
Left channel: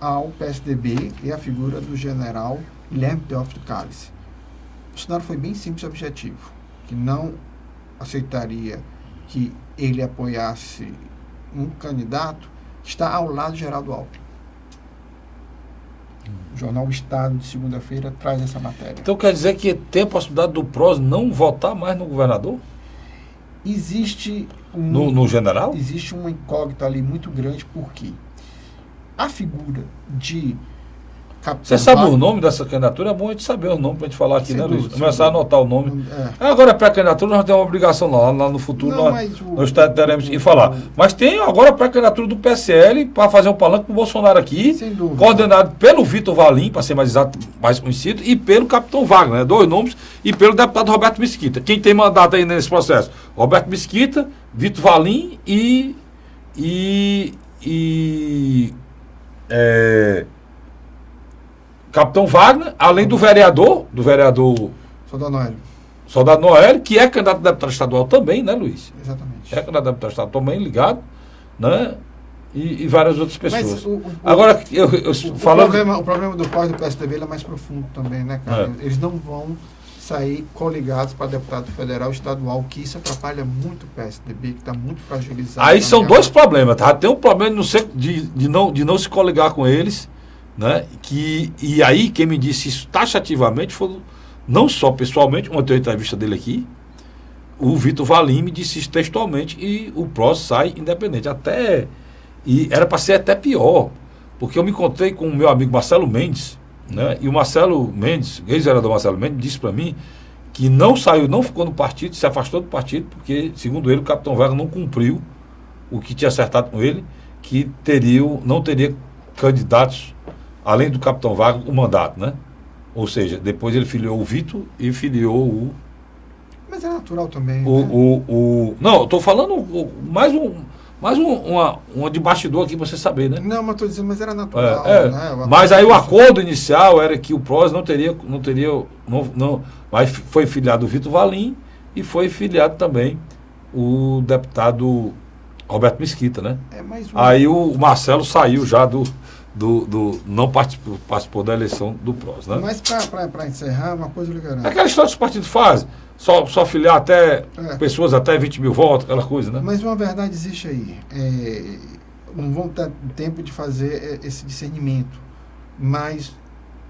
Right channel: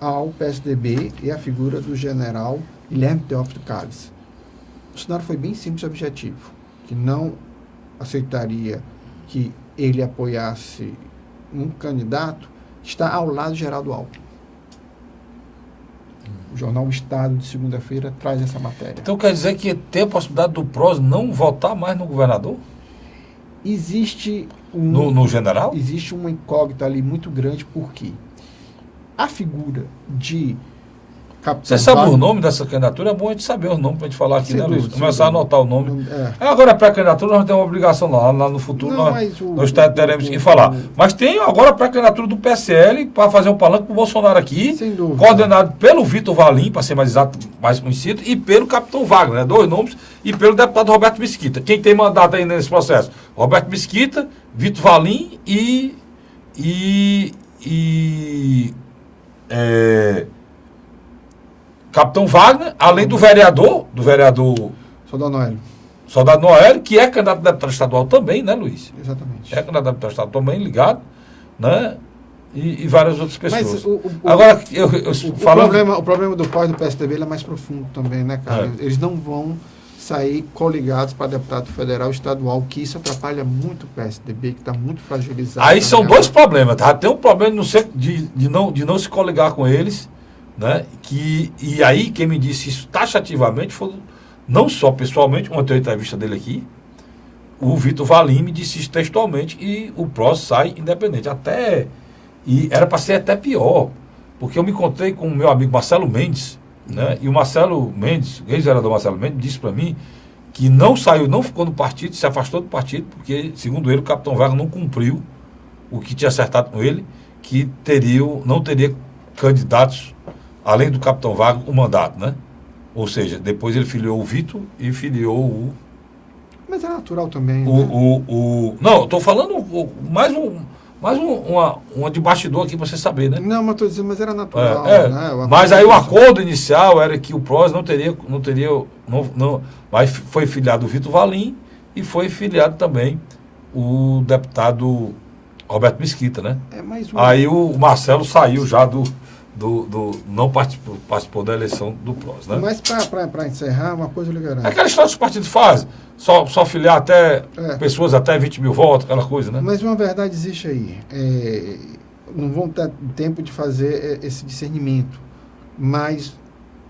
ao PSDB e a figura do general Guilherme Teófilo Calles. O cenário foi bem simples e objetivo, que não aceitaria que ele apoiasse um candidato que está ao lado de Geraldo Alckmin. O jornal Estado, de segunda-feira, traz essa matéria. Então quer dizer que tem a possibilidade do PROS não votar mais no governador? Existe no general? Existe uma incógnita ali muito grande, porque a figura de Você sabe o nome dessa candidatura? É bom a gente saber o nome para a gente falar aqui, né, Luiz? Começar a anotar o nome. Agora, a pré-candidatura, nós temos uma obrigação lá no futuro, nós teremos que falar. Mas tem agora a pré-candidatura do PSL para fazer um palanque para o Bolsonaro aqui, coordenado pelo Vitor Valim, para ser mais exato, mais conhecido, e pelo capitão Wagner, né? 2 nomes, e pelo deputado Roberto Mesquita. Quem tem mandato aí nesse processo? Roberto Mesquita, Vitor Valim Capitão Wagner, além do vereador Soldado Noélio. Soldado Noélio, que é candidato a deputado estadual também, né, Luiz? Exatamente. É candidato a deputado estadual também, ligado, né? E várias outras pessoas. Mas Agora, o problema do pós do PSDB ele é mais profundo também, né, cara? Eles não vão sair coligados para deputado federal e estadual, que isso atrapalha muito o PSDB, que está muito fragilizado. Aí são dois problemas, tá? Tem um problema de não se coligar com eles, né? E aí quem me disse isso taxativamente foi, não só pessoalmente, ontem eu entrevista dele aqui, o Vitor Valim me disse isso textualmente, e o PROS sai independente. E era para ser até pior, porque eu me encontrei com o meu amigo Marcelo Mendes, né? E o Marcelo Mendes, ex-vereador Marcelo Mendes, disse para mim que não saiu, não ficou no partido, se afastou do partido, porque, segundo ele, o capitão Wagner não cumpriu o que tinha acertado com ele, que não teria candidatos, além do capitão Wagner, o mandato, né? Ou seja, depois ele filiou o Vitor e filiou o... Mas é natural também, Não, eu estou falando mais uma de bastidor aqui para você saber, né? Não, mas estou dizendo, mas era natural. Né? Mas aí o acordo inicial era que o PROS não teria, mas foi filiado o Vitor Valim e foi filiado também o deputado Roberto Mesquita, né? Aí o Marcelo saiu já não participou da eleição do PROS, né? Mas para encerrar, uma coisa eu lhe garanto. É aquela história que os partidos fazem. Só filiar até pessoas até 20 mil votos, aquela coisa, né? Mas uma verdade existe aí. Não vamos ter tempo de fazer esse discernimento. Mas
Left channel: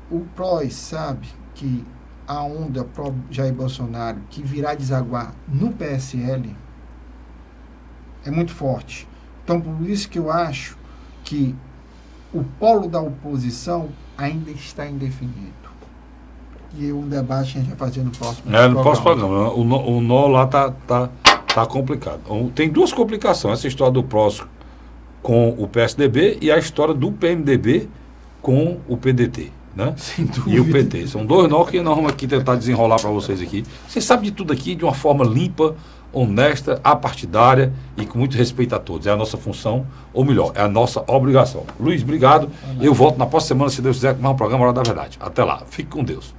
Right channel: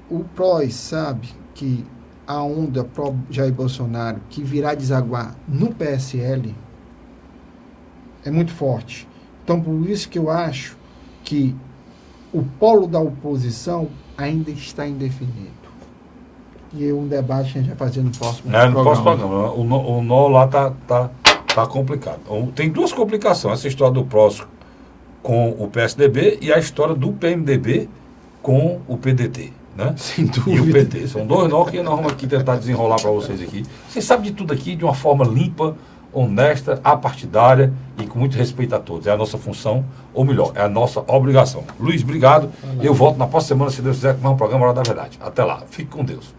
o PROS sabe que a onda pró-Jair Bolsonaro, que virá desaguar no PSL, é muito forte. Então, por isso que eu acho que o polo da oposição ainda está indefinido. E um debate a gente vai fazer no próximo programa. No próximo programa. O nó lá tá complicado. Tem duas complicações. Essa história do PROS com o PSDB e a história do PMDB com o PDT. Né? Sem dúvida. E o PT. São dois nós que nós vamos aqui tentar desenrolar para vocês aqui. Vocês sabem de tudo aqui de uma forma limpa, honesta, apartidária e com muito respeito a todos. É a nossa função, ou melhor, é a nossa obrigação. Luiz, obrigado. Eu volto na próxima semana, se Deus quiser, com mais um programa Hora da Verdade. Até lá. Fique com Deus.